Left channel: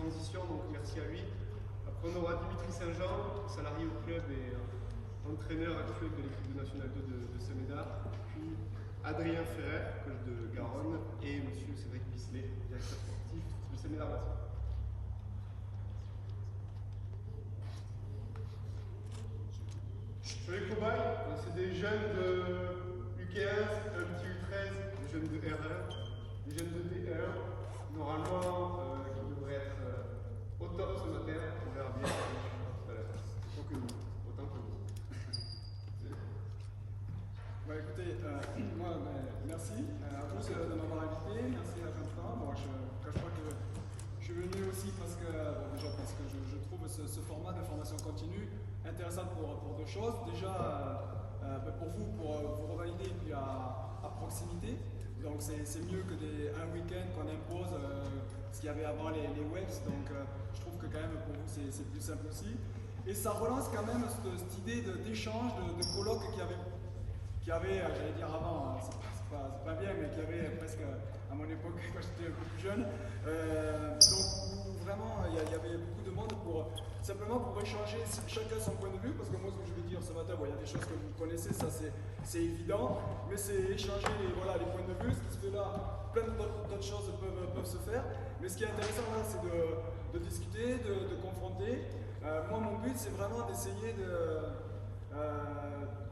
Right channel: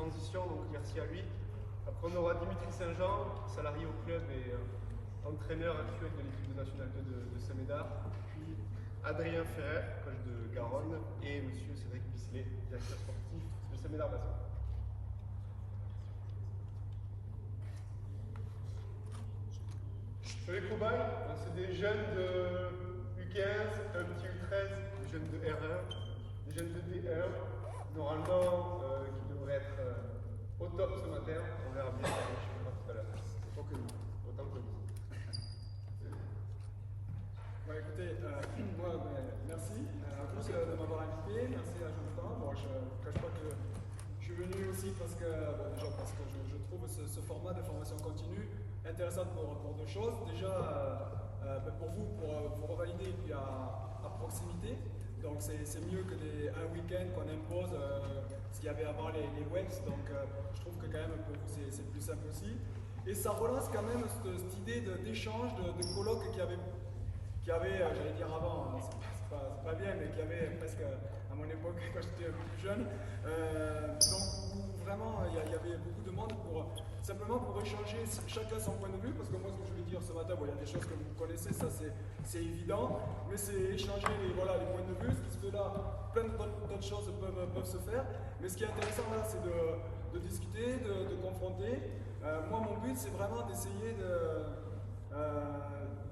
transition, donc merci à lui. Après, on aura Dimitri Saint-Jean, salarié au club et entraîneur actuel de l'équipe nationale 2 de Saint-Médard. Puis Adrien Ferrer, coach de Garonne, et monsieur Cédric Bisley, directeur sportif de Saint-Médard Basket. Sur les cobayes, c'est des jeunes de U15, un petit U13, des jeunes de R1, des jeunes de D1, normalement qui devraient être au top ce matin. On verra bien quand on changera tout à l'heure. Autant que nous. Bon, écoutez, merci à tous de m'avoir invité, merci à Jonathan. Bon, je ne cache pas que je suis venu aussi parce que, parce que je trouve ce format de formation continue intéressant pour deux choses. Déjà, pour vous revalider et puis à proximité. Donc c'est mieux que un week-end qu'on impose, ce qu'il y avait avant les webs. Donc je trouve que quand même pour vous c'est plus simple aussi. Et ça relance quand même cette idée d'échange, de colloque qu'il y avait, j'allais dire avant, c'est pas bien, mais qu'il y avait presque à mon époque quand j'étais un peu plus jeune. Donc où vraiment il y avait beaucoup de monde simplement pour échanger chacun son point de vue, parce que moi ce que je vais dire ce matin, il y a des choses que vous connaissez, ça c'est évident, mais c'est échanger les points de vue, ce qui se fait là, plein d'autres choses peuvent se faire, mais ce qui est intéressant là c'est de discuter, de confronter. Moi mon but c'est vraiment d'essayer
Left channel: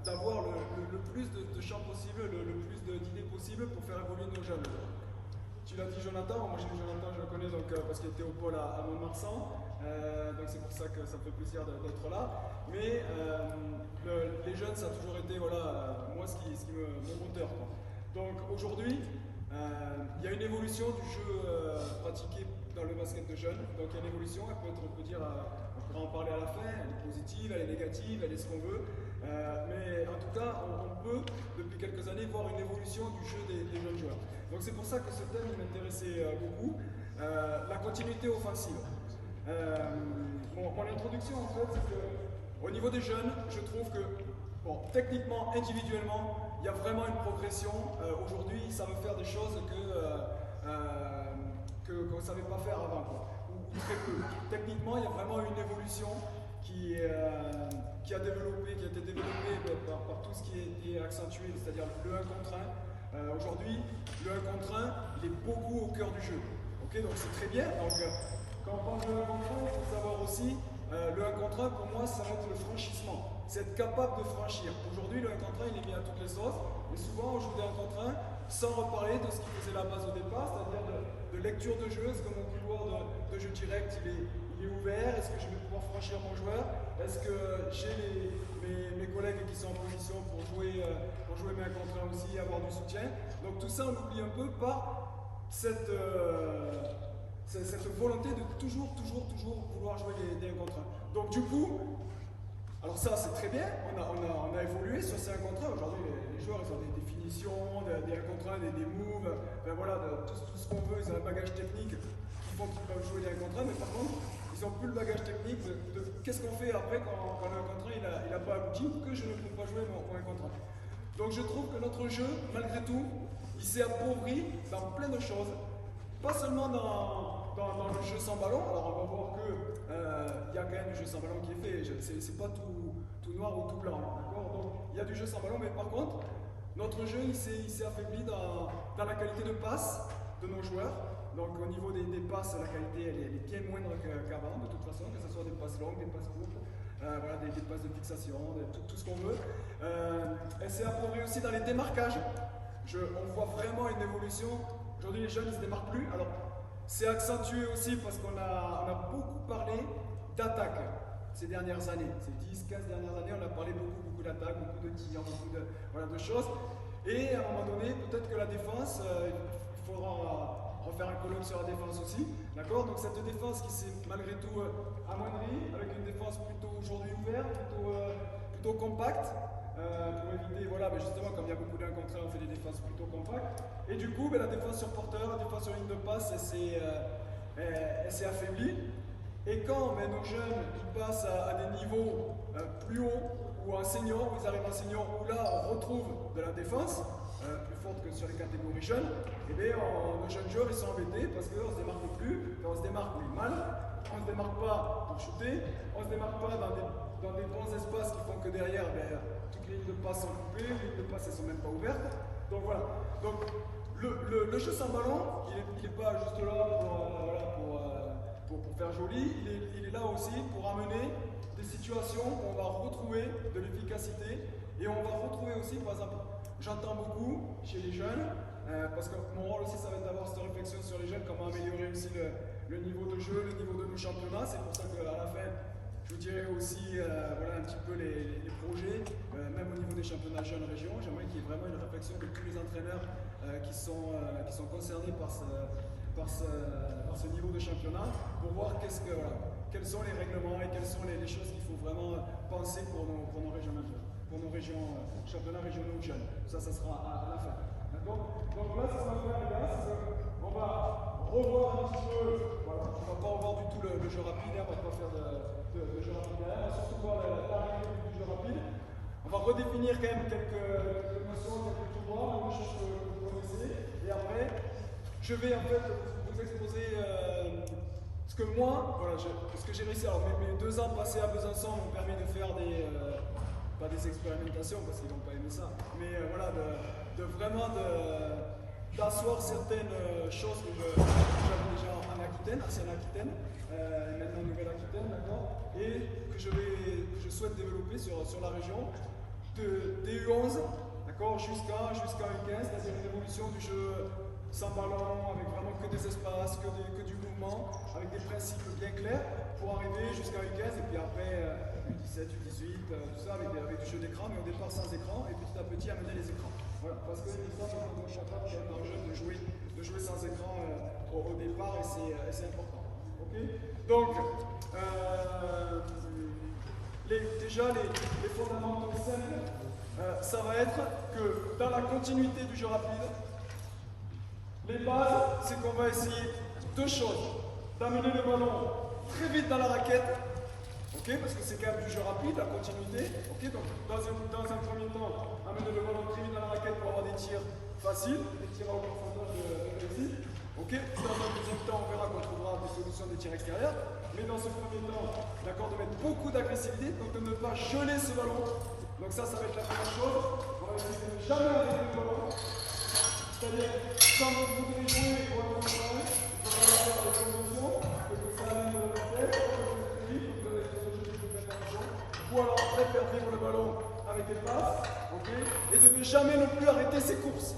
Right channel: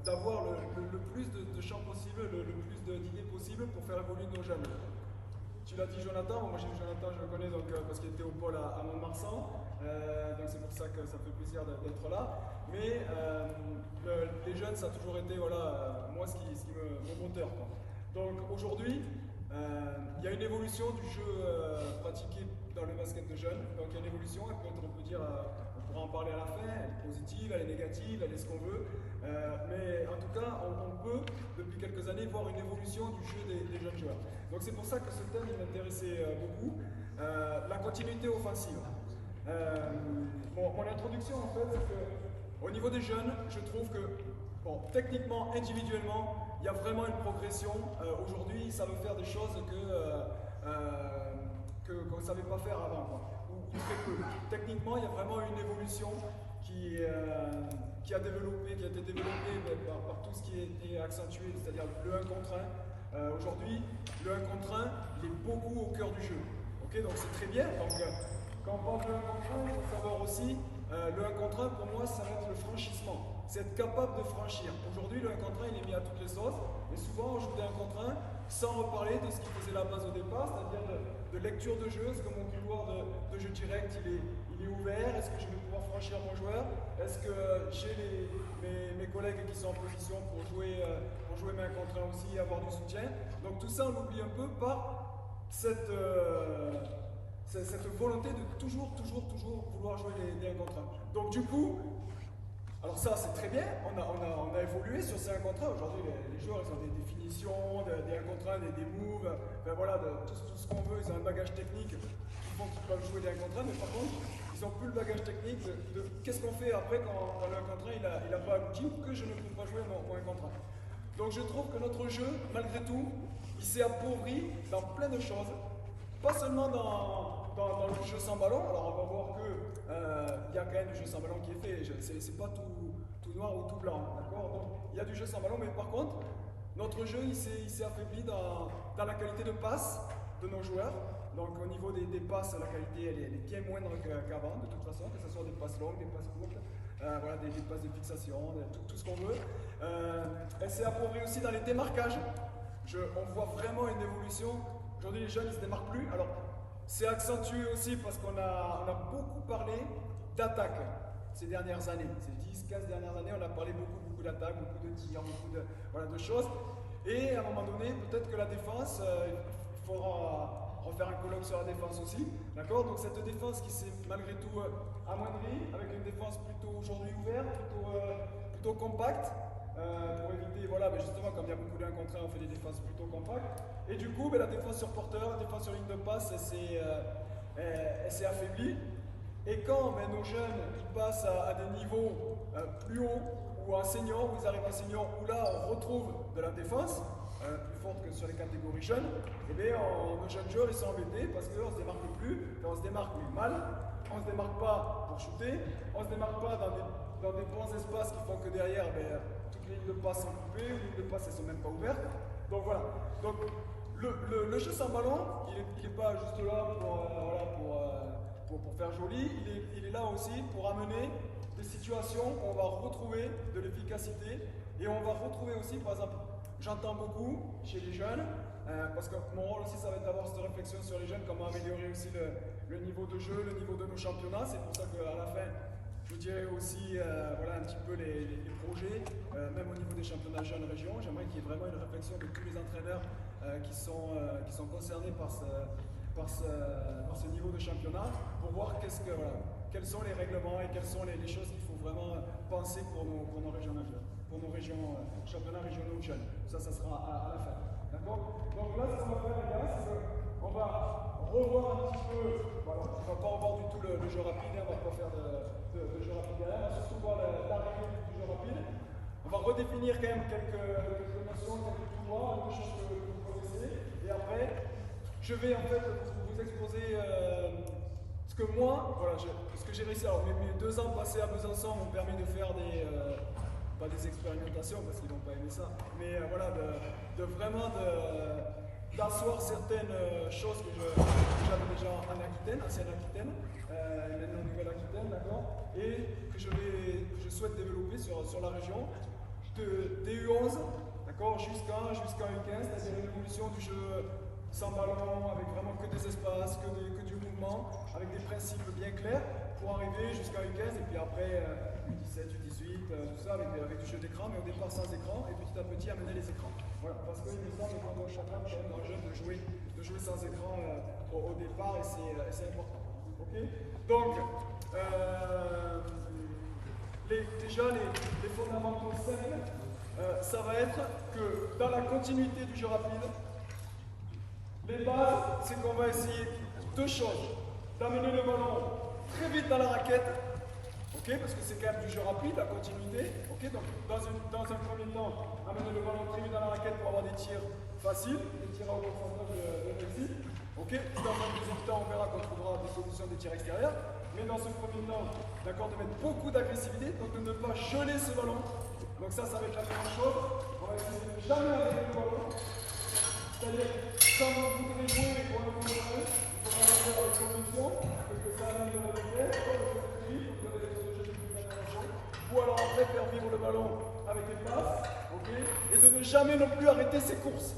d'avoir le plus de champs possible, le plus d'idées possibles pour faire évoluer nos jeunes. Tu l'as dit Jonathan, moi j'ai dit Jonathan, je le connais donc, parce qu'il était au pôle à Mont-de-Marsan, donc c'est pour ça que ça me fait plaisir d'être là. Mais les jeunes ça a toujours été moi ce qui mon moteur, quoi. Donc aujourd'hui, il y a une évolution du jeu pratiqué dans le basket de jeunes. Donc il y a une évolution, on peut dire, on pourra en parler à la fin, elle est positive, elle est négative, elle est ce qu'on veut. Mais en tout cas, on peut, depuis quelques années, voir une évolution du jeu des jeunes joueurs. Donc c'est pour ça que ce thème m'intéressait beaucoup, la continuité offensive. Mon introduction en fait, c'est qu'au niveau des jeunes, je trouve que, techniquement, individuellement, il y a vraiment une progression. Aujourd'hui, ils savent faire des choses qu'on ne savait pas faire avant, ou très peu. Techniquement, il y a vraiment une évolution qui a été développée par tout ce qui a été accentué, c'est-à-dire le 1 contre 1. Aujourd'hui, le 1 contre 1, il est beaucoup au cœur du jeu. Okay, donc c'est très bien. Donc, quand on parle de 1 contre 1, il faut savoir aussi, le 1 contre 1, pour moi, ça va être le franchissement. C'est être capable de franchir. Aujourd'hui, le 1 contre 1, il est mis à toutes les sauces, mais souvent, on joue des 1 contre 1 sans reparler de ce qui faisait la base au départ, c'est-à-dire de lecture de jeu. Est-ce que mon couloir de jeu direct, il est ouvert? Est-ce que je vais pouvoir franchir mon joueur? Est-ce que j'ai mes collègues qui sont en position pour jouer mes 1 contre 1 aussi, avoir du soutien? Donc tout ça, on l'oublie un peu par cette volonté de toujours vouloir jouer des 1 contre 1. Donc du coup, alors ça c'est très bien, on a évolué sur ces 1 contre 1. Aujourd'hui les joueurs ils ont des définitions, des 1 contre 1, des moves, tout ce qu'on veut, ils ont un bagage technique qui font qu'ils peuvent jouer des 1 contre 1, mais par contre ils n'ont plus le bagage technique de qu'est-ce qu'on fait après quand le 1 contre 1 il a pas abouti ou que je ne peux pas jouer mon 1 contre 1. Donc je trouve que notre jeu, malgré tout, il s'est appauvri dans plein de choses, pas seulement dans le jeu sans ballon. Alors on va voir que y a quand même du jeu sans ballon qui est fait, c'est pas tout noir ou tout blanc, d'accord? Donc il y a du jeu sans ballon, mais par contre, notre jeu il s'est affaibli dans la qualité de passe de nos joueurs. Donc au niveau des passes, la qualité elle est bien moindre qu'avant, de toute façon, que ce soit des passes longues, des passes courtes, des passes de fixation, tout ce qu'on veut. Elle s'est appauvrie aussi dans les démarquages. On voit vraiment une évolution. Aujourd'hui les jeunes ils se démarquent plus. Alors c'est accentué aussi parce qu'on a beaucoup parlé d'attaque ces dernières années. Ces 10-15 dernières années, on a parlé beaucoup d'attaque, beaucoup de tirs, beaucoup de choses. Et à un moment donné, peut-être que la défense, il faudra refaire un colloque sur la défense aussi. D'accord? Donc cette défense qui s'est malgré tout amoindrie, avec une défense plutôt aujourd'hui ouverte, plutôt compacte. Pour éviter, justement, comme il y a beaucoup d'un contre un, on fait des défenses plutôt compactes. Et du coup, la défense sur porteur, la défense sur ligne de passe, elle s'est affaiblie. Et quand nos jeunes ils passent à des niveaux plus hauts, ou en senior, où ils arrivent en senior, où là on retrouve de la défense, plus forte que sur les catégories jeunes, et bien nos jeunes joueurs ils sont embêtés parce qu'on ne se démarque plus, enfin, on se démarque mais mal, on ne se démarque pas pour shooter, on ne se démarque pas dans des bons espaces qui font que derrière toutes les lignes de passe sont coupées, les lignes de passe elles sont même pas ouvertes. Donc voilà. Donc le jeu sans ballon, il n'est pas juste là pour faire joli, il est là aussi pour amener des situations où on va retrouver de l'efficacité et on va retrouver aussi, par exemple, j'entends beaucoup chez les jeunes, parce que mon rôle aussi ça va être d'avoir cette réflexion sur les jeunes, comment améliorer aussi le niveau de jeu, le niveau de nos championnats. C'est pour ça qu'à la fin, je vous dirai aussi voilà, un petit peu les projets, même au niveau des championnats jeunes régions. J'aimerais qu'il y ait vraiment une réflexion de tous les entraîneurs qui sont concernés par ce niveau de championnat pour voir quels sont les règlements et quelles sont les choses qu'il faut vraiment penser pour nos régions championnats régionaux de jeunes. Ça sera à la fin. D'accord? Donc là, ce qu'on va faire, les gars, c'est qu'on va revoir un petit peu. Voilà, on ne va pas revoir du tout le jeu rapide, on ne va pas faire de jeu rapide derrière, on va surtout voir l'arrivée du jeu rapide. On va redéfinir quand même quelques notions, quelques pouvoirs, des choses que vous connaissez. Et après, je vais en fait vous exposer ce que moi, voilà, ce que j'ai réussi. Alors mes 2 ans passés à Besançon m'ont permis de faire pas des expérimentations parce qu'ils n'ont pas aimé ça, mais voilà, vraiment d'asseoir certaines choses que j'avais déjà en Aquitaine, ancienne Aquitaine, et maintenant Nouvelle-Aquitaine, d'accord, et que je souhaite développer sur la région, des U11, d'accord, jusqu'à U15, c'est-à-dire une évolution du jeu sans ballon, avec vraiment que des espaces, que du mouvement, avec des principes bien clairs, pour arriver jusqu'à U15, et puis après U17, U18, tout ça, avec du jeu d'écran, mais au départ sans écran, et petit à petit amener les écrans. Voilà, parce qu'il me semble qu'on est capable quand même dans le jeu de jouer sans écran au départ, et c'est important. Ok? Donc, déjà les fondamentaux simples, ça va être que dans la continuité du jeu rapide, les bases, c'est qu'on va essayer 2 choses. D'amener le ballon très vite dans la raquette, ok, parce que c'est quand même du jeu rapide, la continuité. Ok, donc dans un premier temps, amener le ballon très vite dans la raquette pour avoir des tirs faciles, des tirs à haut pourcentage de réussite. Ok, dans un deuxième temps, on verra qu'on trouvera des solutions de tirs extérieurs. Mais dans ce premier temps, d'accord, de mettre beaucoup d'agressivité, donc de ne pas geler ce ballon. Donc ça va être la première chose. On va essayer de ne jamais arrêter le ballon. C'est-à-dire, quand vous voudrez jouer pour un contrôle, il faudra le faire avec condition, que ça amène de la vitesse, très vite, donc vous allez faire des ou alors après faire vivre le ballon avec des passes, ok, et de ne jamais non plus arrêter ses courses.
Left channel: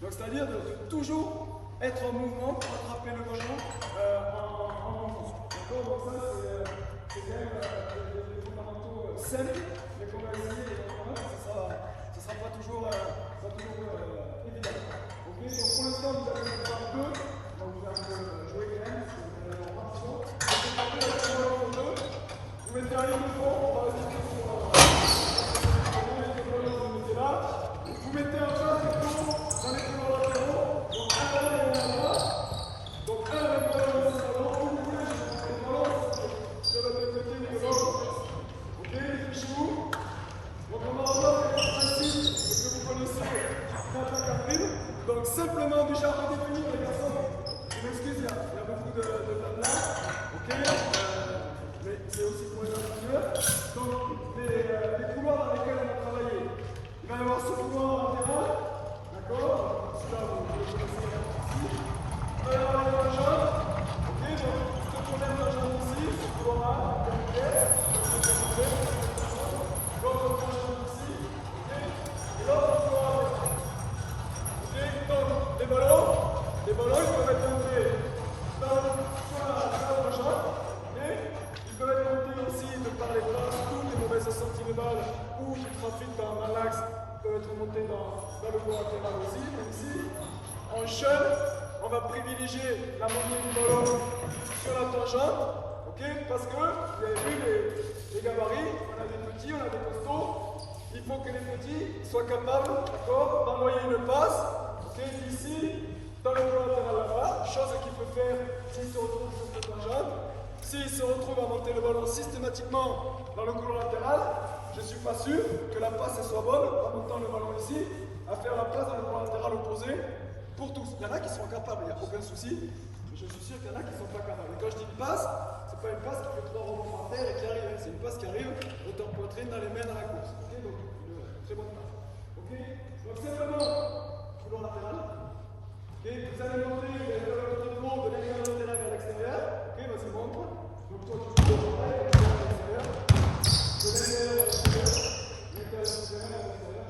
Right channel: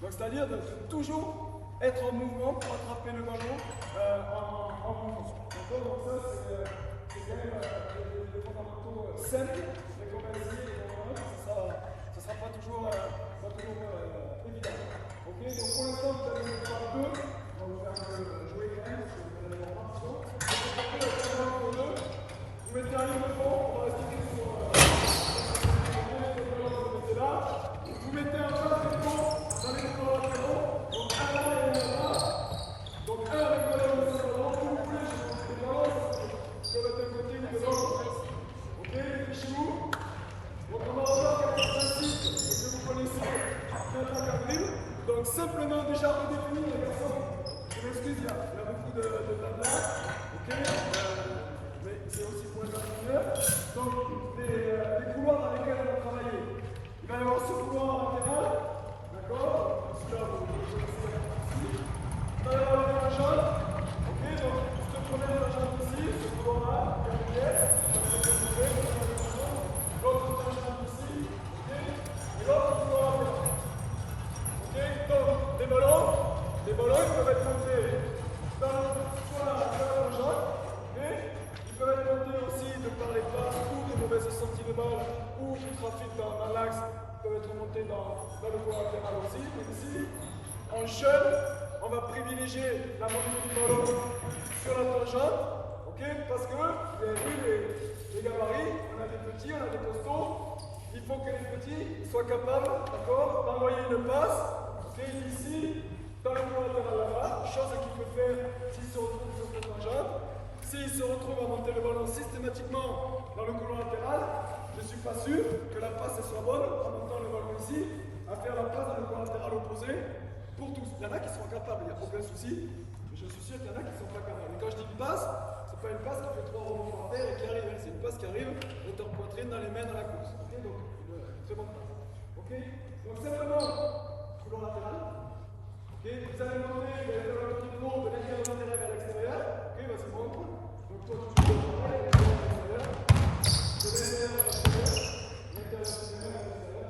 Donc c'est-à-dire de toujours être en mouvement pour attraper le ballon en mouvement. D'accord? Donc ça c'est quand même des fondamentaux simples, mais qu'on va essayer, ça sera pas toujours évident. Ok, donc pour l'instant, vous allez mettre par 2. On va vous faire jouer quand même, parce que vous allez avoir partition. Donc, c'est parti avec un ballon pour 2. Vous mettez un ligne de fond, on va rester sur le ballon, vous le mettez là. Vous mettez un pain de fond dans les couloirs latéraux. Donc, un là et un là. Donc, un avec le ballon, où vous voulez, les ballons peuvent être d'un côté ou de l'autre. Ok, les chez-vous. Donc, on va revoir quelques principes que vous connaissez d'attaque à dribble. Donc simplement déjà redéfinir les garçons. Je m'excuse, il y a beaucoup de tables. Ok, mais c'est aussi pour les entraîneurs. Donc les couloirs dans lesquels on va travailler. Il va y avoir ce couloir latéral, d'accord? Celui-là vous le connaissez ici. Il va y avoir les tangentes. Ok, donc cette première tangente ici, ce couloir-là, qui est en pièce, l'autre tangente ici, ok, et l'autre couloir latéral. Donc, les ballons, ils peuvent être montés sur la tangente, okay. Ils peuvent être montés aussi de par les passes ou des mauvaises sorties de balles ou du trafic dans l'axe, ils peuvent être montés dans le coin latéral aussi, même si en jeune, on va privilégier la montée du ballon sur la tangente, okay, parce que vous avez vu les gabarits, on a des petits, on a des costauds, il faut que les petits soient capables, d'accord, d'envoyer une passe. Ici, dans le plan latéral là-bas, chose qu'il peut faire s'il se retrouve sur cette tangente. S'il se retrouve à monter le ballon systématiquement dans le couloir latéral, je ne suis pas sûr que la passe soit bonne en montant le ballon ici. à faire la passe dans le point latéral opposé pour tous. Il y en a qui sont capables, il n'y a aucun souci. Je suis sûr qu'il y en a qui ne sont pas capables. Et quand je dis une passe, c'est pas une passe qui fait 3 rebonds par terre et qui arrive. C'est une passe qui arrive hauteur poitrine dans les mains dans la course. Okay, donc une très bonne passe. Okay, donc simplement, couloir latéral. Okay, vous allez monter, vous allez faire le tour de plomb de l'intérieur de terrain vers l'extérieur. Ok, vas-y, montre. Donc toi, tu cours pareil, de l'intérieur à l'extérieur. De l'intérieur à l'extérieur. L'intérieur à l'extérieur.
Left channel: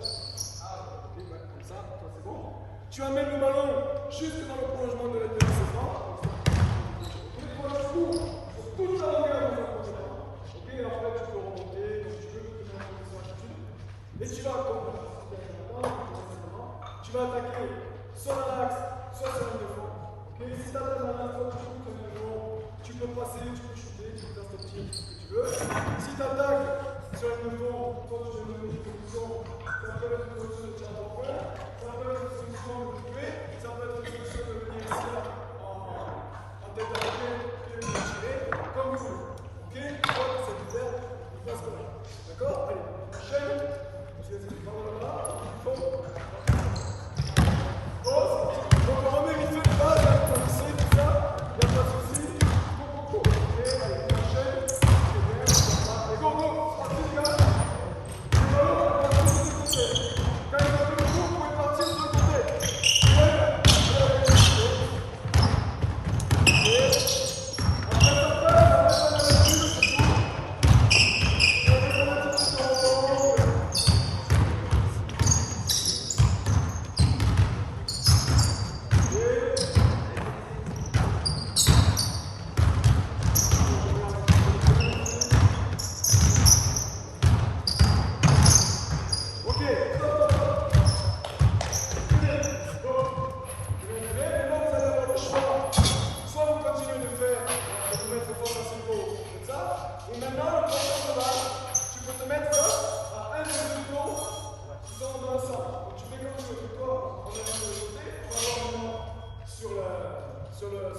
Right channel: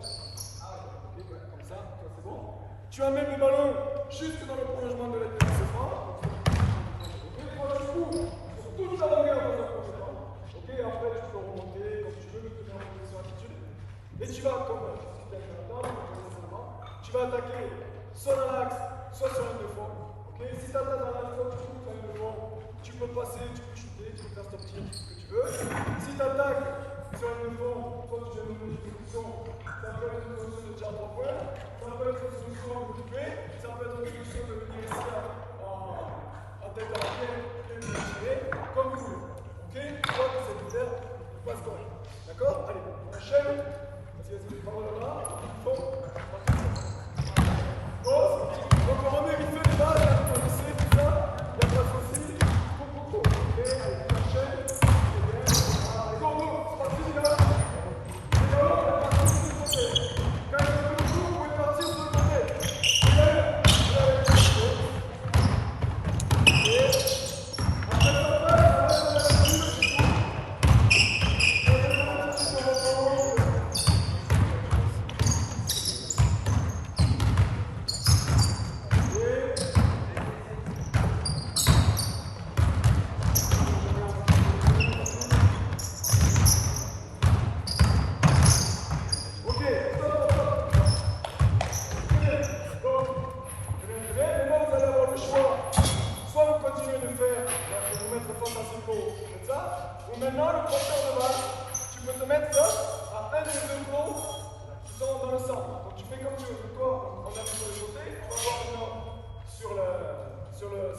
Ok, ouais, comme ça, toi c'est bon. Tu amènes le ballon jusque dans le prolongement de l'adversaire. Ok, toi tu cours sur toute la longueur de ton prolongement. Ok, après tu peux remonter comme tu veux, tu te mets en position attitude. Et tu vas, comme tu vas attaquer soit dans l'axe, soit sur un défend. Okay. Si tu attaques dans l'axe, soit tu shootes un défend, tu peux passer, tu peux shooter, tu peux faire stop tir, tout ce que tu veux. Si tu attaques sur un défend, soit tu fais une solution, ça peut être une solution de tir à 3 points, ça peut être une solution de couper, ça peut être une solution de venir ici en tête à la tête et de tirer, comme vous voulez. Ok, toi, tu sais tout faire, tu passes correct. D'accord? Allez, on enchaîne. Parce que c'est par là, il faut. Donc on remet vite fait les bases, on essaie tout ça, il n'y a pas de souci. Ok, allez, on enchaîne. C'est bien, allez, go, go, parti les gars. Les ballons, on va partir sur le côté. Quand ils ont fait le tour, vous pouvez partir sur le côté. Allez, après ça passe, on reste à la lecture, c'est tout. On reste à la petite rebond. Maintenant, le porteur de balle, tu peux te mettre à un des deux plombs qui sont dans le centre. Donc tu fais comme tu veux. Toi, on arrive sur le côté, on va voir maintenant sur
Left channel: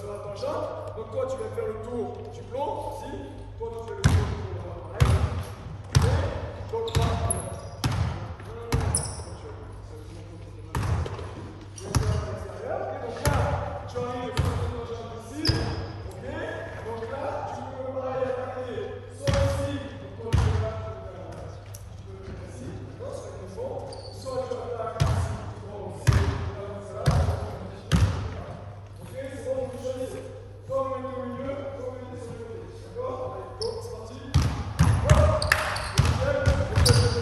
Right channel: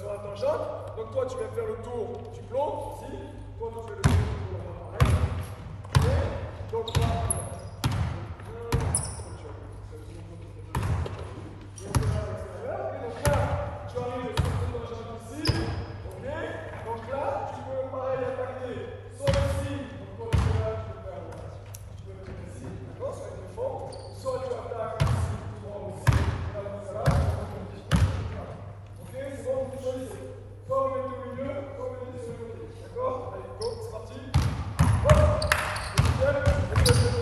la tangente. Donc toi, tu viens faire le tour du plomb, ici. Toi, tu fais le tour du plomb, pareil. Et donc toi, donc là, tu arrives sur cette tangente ici. Ok. Donc là, tu peux pareil attaquer. Soit ici, donc toi tu peux le faire ici, d'accord, ça va être fond. Soit tu attaques ici, aussi, ok, c'est bon, vous choisissez. Soit vous mettez au milieu, soit vous mettez sur le côté. D'accord? Allez, go, c'est parti. Hop, le deuxième, et le deuxième.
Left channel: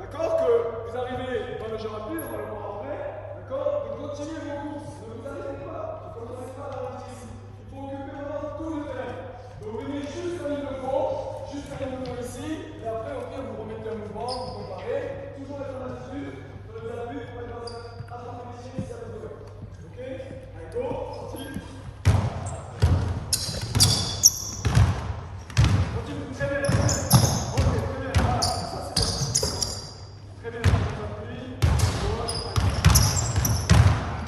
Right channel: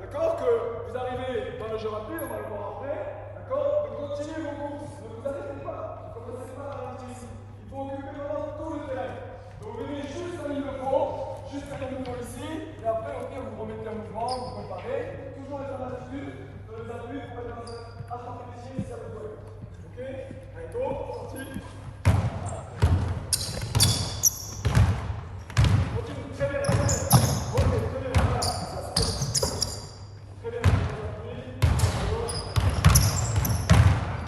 D'accord, que vous arrivez dans le jeu rapide, on va le voir après. D'accord? Donc continuez vos courses. Ne vous arrêtez pas. Ne commencez pas à ralentir ici. Il faut occuper vraiment tout le terrain. Donc venez juste comme il le faut, juste comme il le faut ici. Et après, au pire, vous remettez un mouvement, vous comparez. Toujours être en attitude. Sur les appuis, vous pouvez passer à part ici, ça va jouer. Ok? Allez, go, sorti. Continue, très bien, très bien. Ok, très bien, voilà, ça c'est bien. Très bien,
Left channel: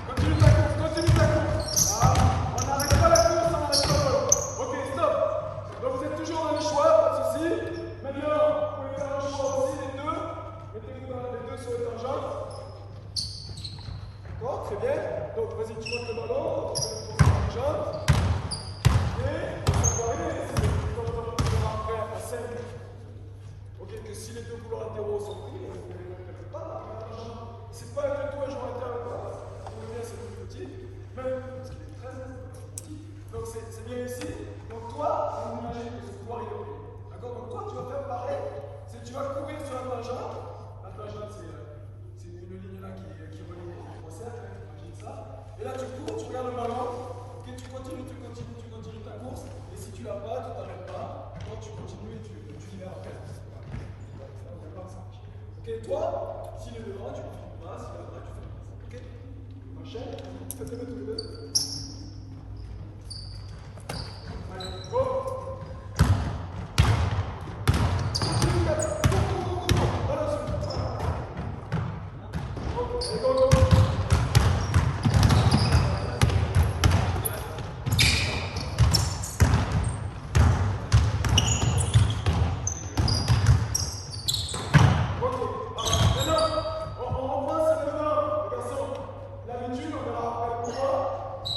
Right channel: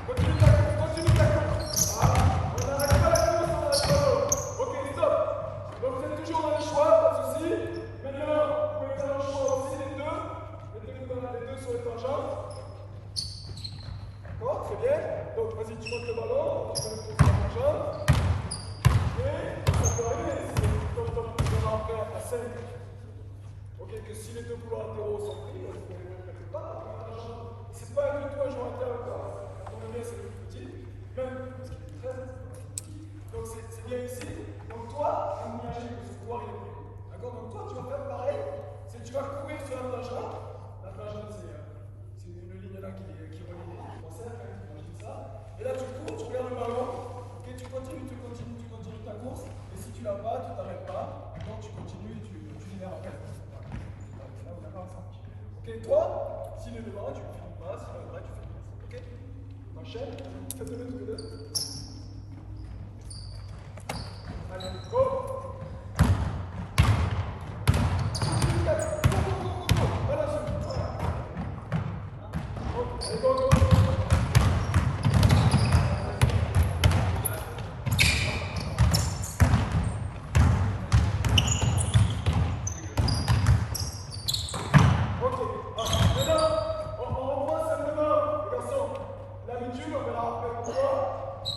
continue ta course, continue ta course. Ah, on n'arrête pas la course, on n'arrête pas le ballon. Ok, stop. Donc vous êtes toujours dans le choix, pas de souci. Maintenant, vous pouvez faire le choix aussi des deux. Mettez-vous dans les deux sur les tangentes. D'accord, très bien. Donc vas-y, tu montes le ballon, on fait le tour sur la tangente. Ok, ça peut arriver, comme on verra après à 5. Ok, que si les deux couloirs latéraux sont pris, vous ne faites pas. C'est pas du tout un joueur intérieur. On le met, c'est tout petit. Même parce qu'il est très petit. Donc c'est bien ici. Donc toi, on imagine que ce couloir il est pris. D'accord? Donc toi, tu vas faire pareil. Tu vas courir sur la tangente. La tangente, c'est une ligne là qui relie les trois cercles. Imagine ça. Et là, tu cours, tu regardes le ballon. Ok, tu continues ta course. Et si tu l'as pas, tu t'arrêtes pas. Donc tu continues et tu libères après. Ok, toi, s'il est devant, tu ne filmes pas, s'il est devant, tu fais pas. Ok? Enchaîne, faites-le tous les deux.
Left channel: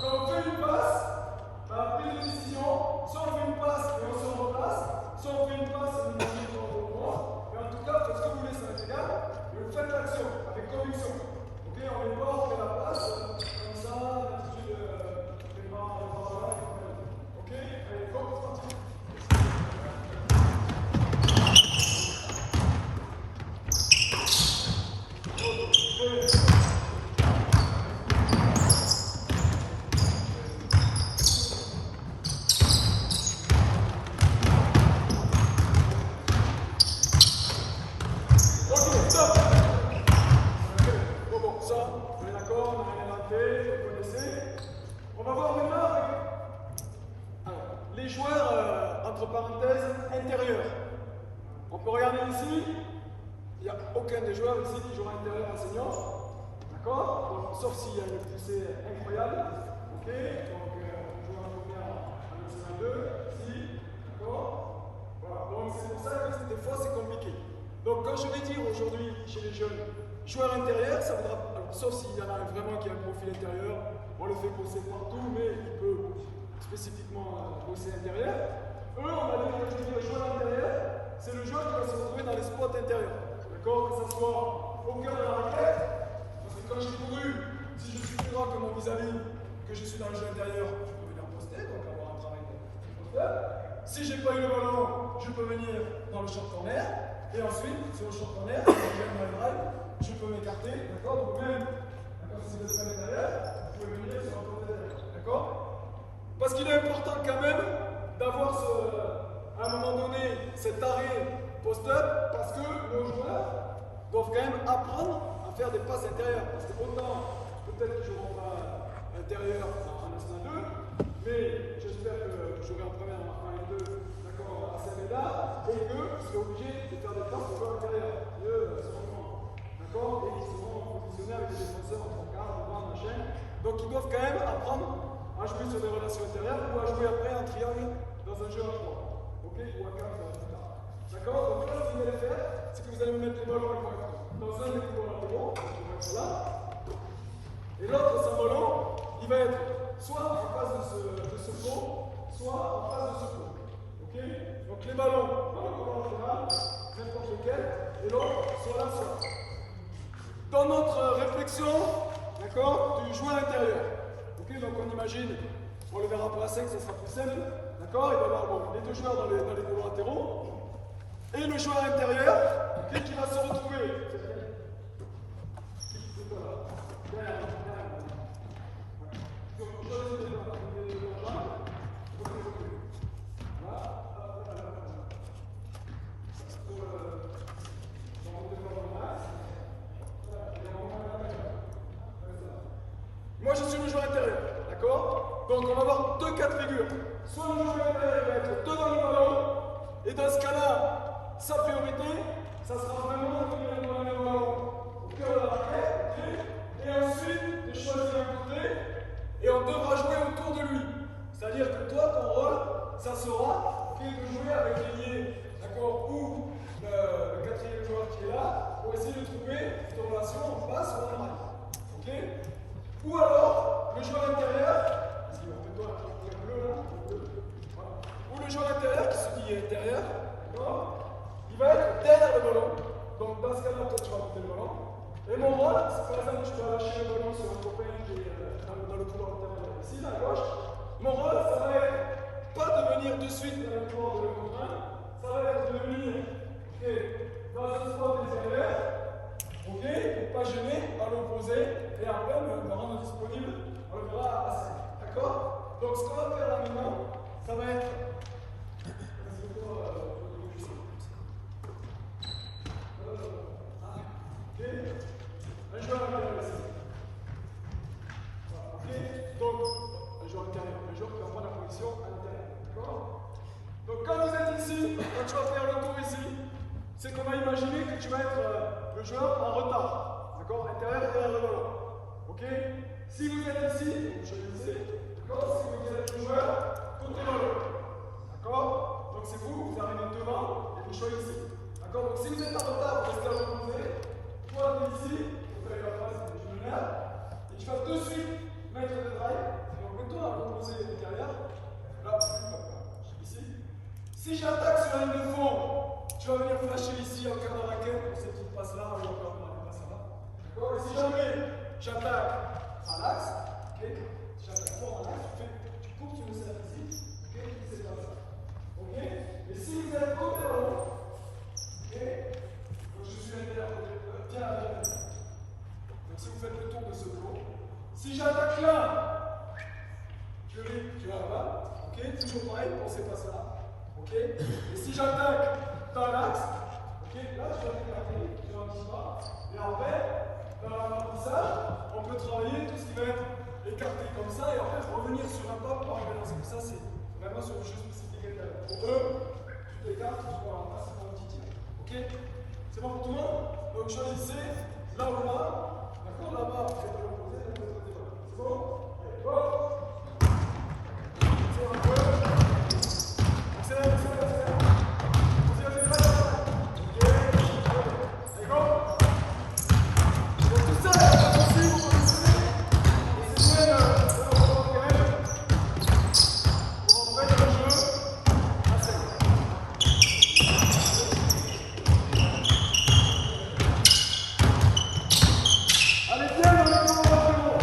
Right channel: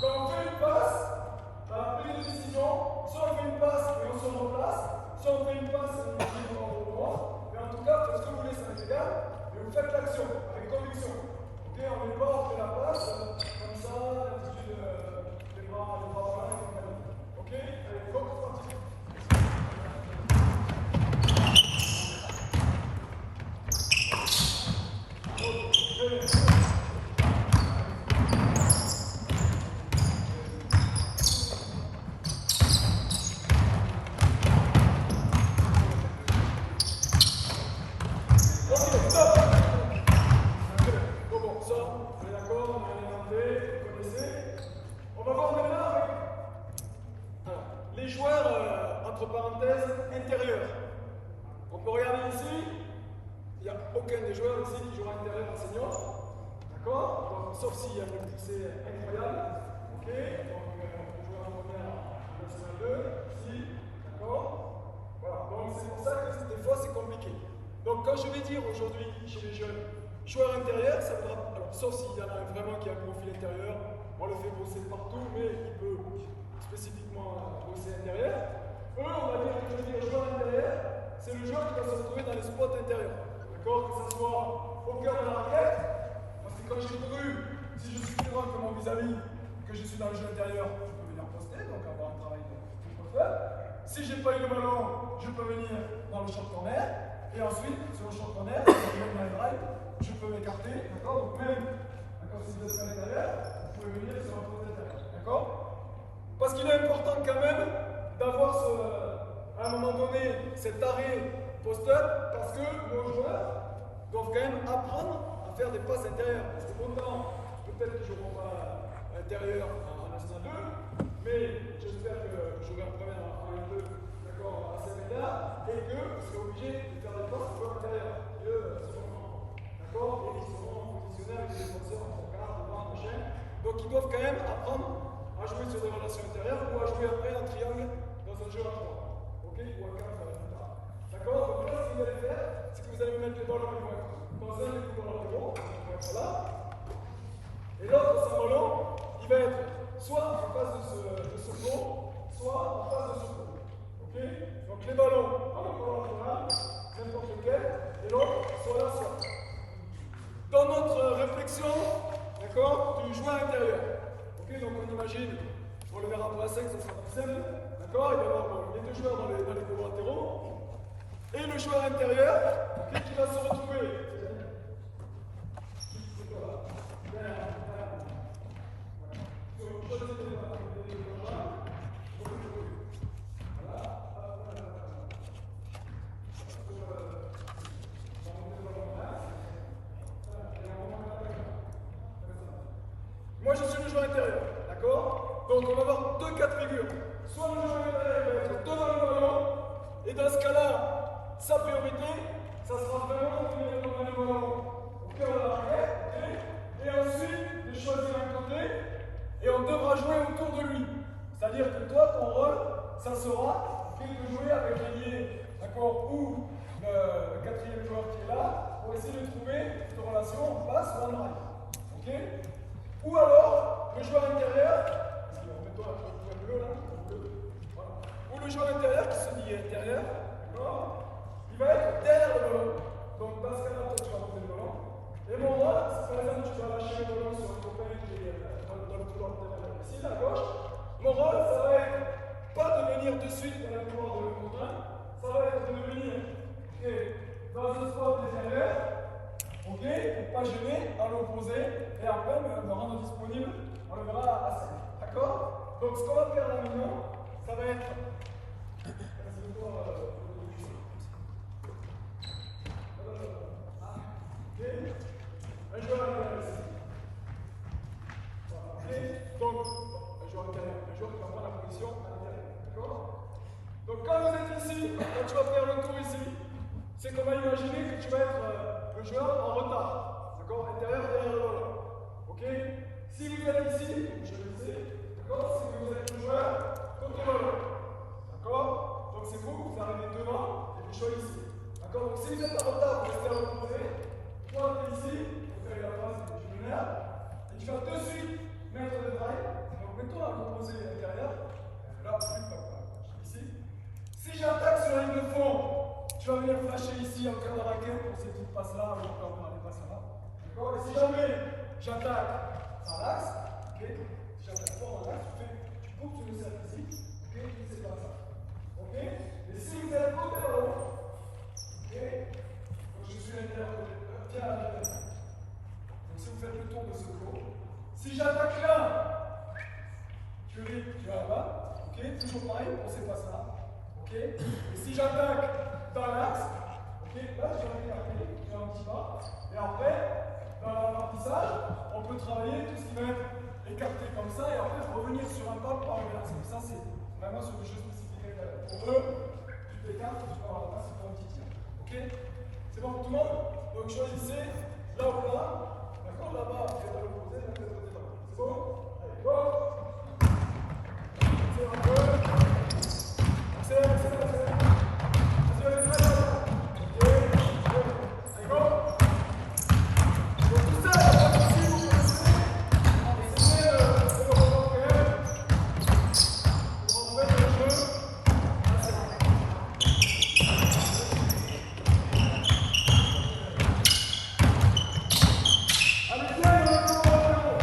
quand on fait une passe, dans la prise de décision, soit on fait une passe et on se replace, soit on fait une passe et on dit au droit. Mais en tout cas, faites ce que vous voulez, ça va être égal. Et vous faites l'action avec conviction. Ok, on n'est pas on fait la passe comme ça, l'attitude les bras là, et compagnie. Ok, allez, go, c'est parti. Les joueurs, entre parenthèses, intérieurs. On peut regarder ici, il n'y a aucun des joueurs ici qui joue à l'intérieur en senior. D'accord? Sauf s'il y a une poussée incroyable. Ok? Donc, on joue en première en national 2, ici. D'accord? Voilà. Donc, c'est pour ça que des fois, c'est compliqué. Donc, quand je vais dire aujourd'hui chez les jeunes, joueur intérieur, ça voudra. Alors, sauf s'il y en a vraiment qui a un profil intérieur, on le fait bosser partout, mais il peut spécifiquement bosser intérieur. Eux, on va dire que je dis joueur intérieur, c'est le joueur qui va se retrouver dans les spots intérieurs. D'accord? Que ce soit au cœur de la raquette, parce que quand j'ai couru, si je suis plus grand que mon vis-à-vis, que je suis dans le jeu intérieur, je peux venir poster, donc avoir un travail de posteur. Si j'ai pas eu le ballon, je peux venir dans le short corner, et ensuite, c'est au short corner, si j'ai même un drive, je peux m'écarter, d'accord? Donc même, d'accord, si vous êtes à l'intérieur, vous pouvez venir sur un côté intérieur, d'accord? Parce qu'il est important quand même d'avoir à un moment donné cet arrêt post-up parce que nos joueurs doivent quand même apprendre à faire des passes intérieures. Parce que autant, peut-être qu'ils ne joueront pas intérieur en National 2, mais j'espère que je jouerai en première en 1 et 2, d'accord, à Cerveda, et que je serai obligé de faire des passes au joueur intérieur. D'accord? Et ils seront positionnés avec des défenseurs en placard, devant, machin. Donc ils doivent quand même apprendre à jouer sur des relations intérieures ou à jouer après en triangle dans un jeu à 3. Ok? Ou à 4 plus tard. D'accord? Donc là, ce que vous allez faire, c'est que vous allez me mettre les ballons dans un des ballons latéraux, qui vont être là. Et l'autre, ce ballon, il va être soit en face de ce pont, soit en face de ce pont. Ok? Donc les ballons, dans le ballon latéral, n'importe lequel, et l'autre, soit là, soit là. Dans notre réflexion, d'accord, du joueur intérieur. Ok, donc on imagine, on le verra pour la 5, ça sera plus simple, d'accord? Il va y avoir les deux joueurs dans les ballons latéraux, et le joueur intérieur, okay, qui va se retrouver. Moi je suis le joueur intérieur, d'accord? Donc on va avoir deux cas de figure. Soit le joueur intérieur va être devant le ballon, et dans ce cas-là, sa priorité, ça sera vraiment de venir devant le ballon au cœur de la raquette, et ensuite de choisir un côté, et on devra jouer autour de lui. C'est-à-dire que toi, ton rôle, ça sera de jouer avec les liés, d'accord? Ou le quatrième joueur qui est là, pour essayer de trouver cette relation en face ou en arrière. Ok? Ou alors, le joueur intérieur, ou le joueur intérieur qui se dit intérieur, il va être derrière le ballon. Donc dans ce cas-là, toi tu vas prendre le ballon. Et mon rôle, c'est par exemple tu vas lâcher le ballon sur un copain qui est dans le couloir latéral ici, à gauche. Mon rôle, ça va être pas de venir de suite dans le couloir de le copain, ça va être de venir dans un spot intérieur. Ok, pour pas gêner, à l'opposé, et après me rendre disponible, on le verra à 5. D'accord? Donc ce qu'on va faire là maintenant, ça va être. Un joueur intérieur ici. Voilà, ok? Donc, un joueur intérieur, un joueur qui envoie la position à l'intérieur. D'accord? Donc quand vous êtes ici, quand tu vas faire le tour ici, c'est qu'on va imaginer que tu vas être le joueur en retard, d'accord, intérieur et derrière le ballon. Ok? Si vous êtes ici, donc je vais ici, d'accord, si vous êtes le joueur contre le ballon, d'accord? Donc c'est vous arrivez devant et vous choisissez. D'accord? Donc si vous êtes en retard, vous restez à l'opposé, toi tu es ici, vous faites la phase du meneur, et tu vas de suite mettre le drive, Si j'attaque sur la ligne de fond, tu vas venir flasher ici en cœur de raquette pour ces petites passes-là, ou encore faire des passes là. D'accord? Et si jamais j'attaque à l'axe, ok? Si j'attaque fort à l'axe, tu coupes sur le cercle ici, ok? C'est pas ça. Ok? Mais si vous êtes côté ballon, ok? Donc je suis l'intérieur côté, bien à bien. Donc si vous faites le tour de ce tour, si j'attaque là, tu vas là-bas, ok? Toujours pareil pour ces passes-là. Ok? Et si j'attaque dans l'axe, ok? Là, je vais écarter, je vais un petit pas. Et après, dans l'apprentissage, on peut travailler tout ce qui va être écarté comme ça et après revenir sur un pas pour arriver là. Donc ça, c'est vraiment sur le jeu spécifique intérieur. Pour eux, tu t'écartes, tu prends la masse, c'est pour un petit tir. Ok? C'est bon pour tout le monde? Donc choisissez là ou là. D'accord? Là-bas, c'est à l'opposé, là, c'est à l'opposé. C'est bon? Allez, go! C'est bon, go! Accélère, accélère, accélère. Vous avez le pas là. Ok, allez, go. Donc tout ça, aussi, vous connaissez. Essayez de reprendre pour entrer dans le jeu. Allez, viens, le tour de ballon.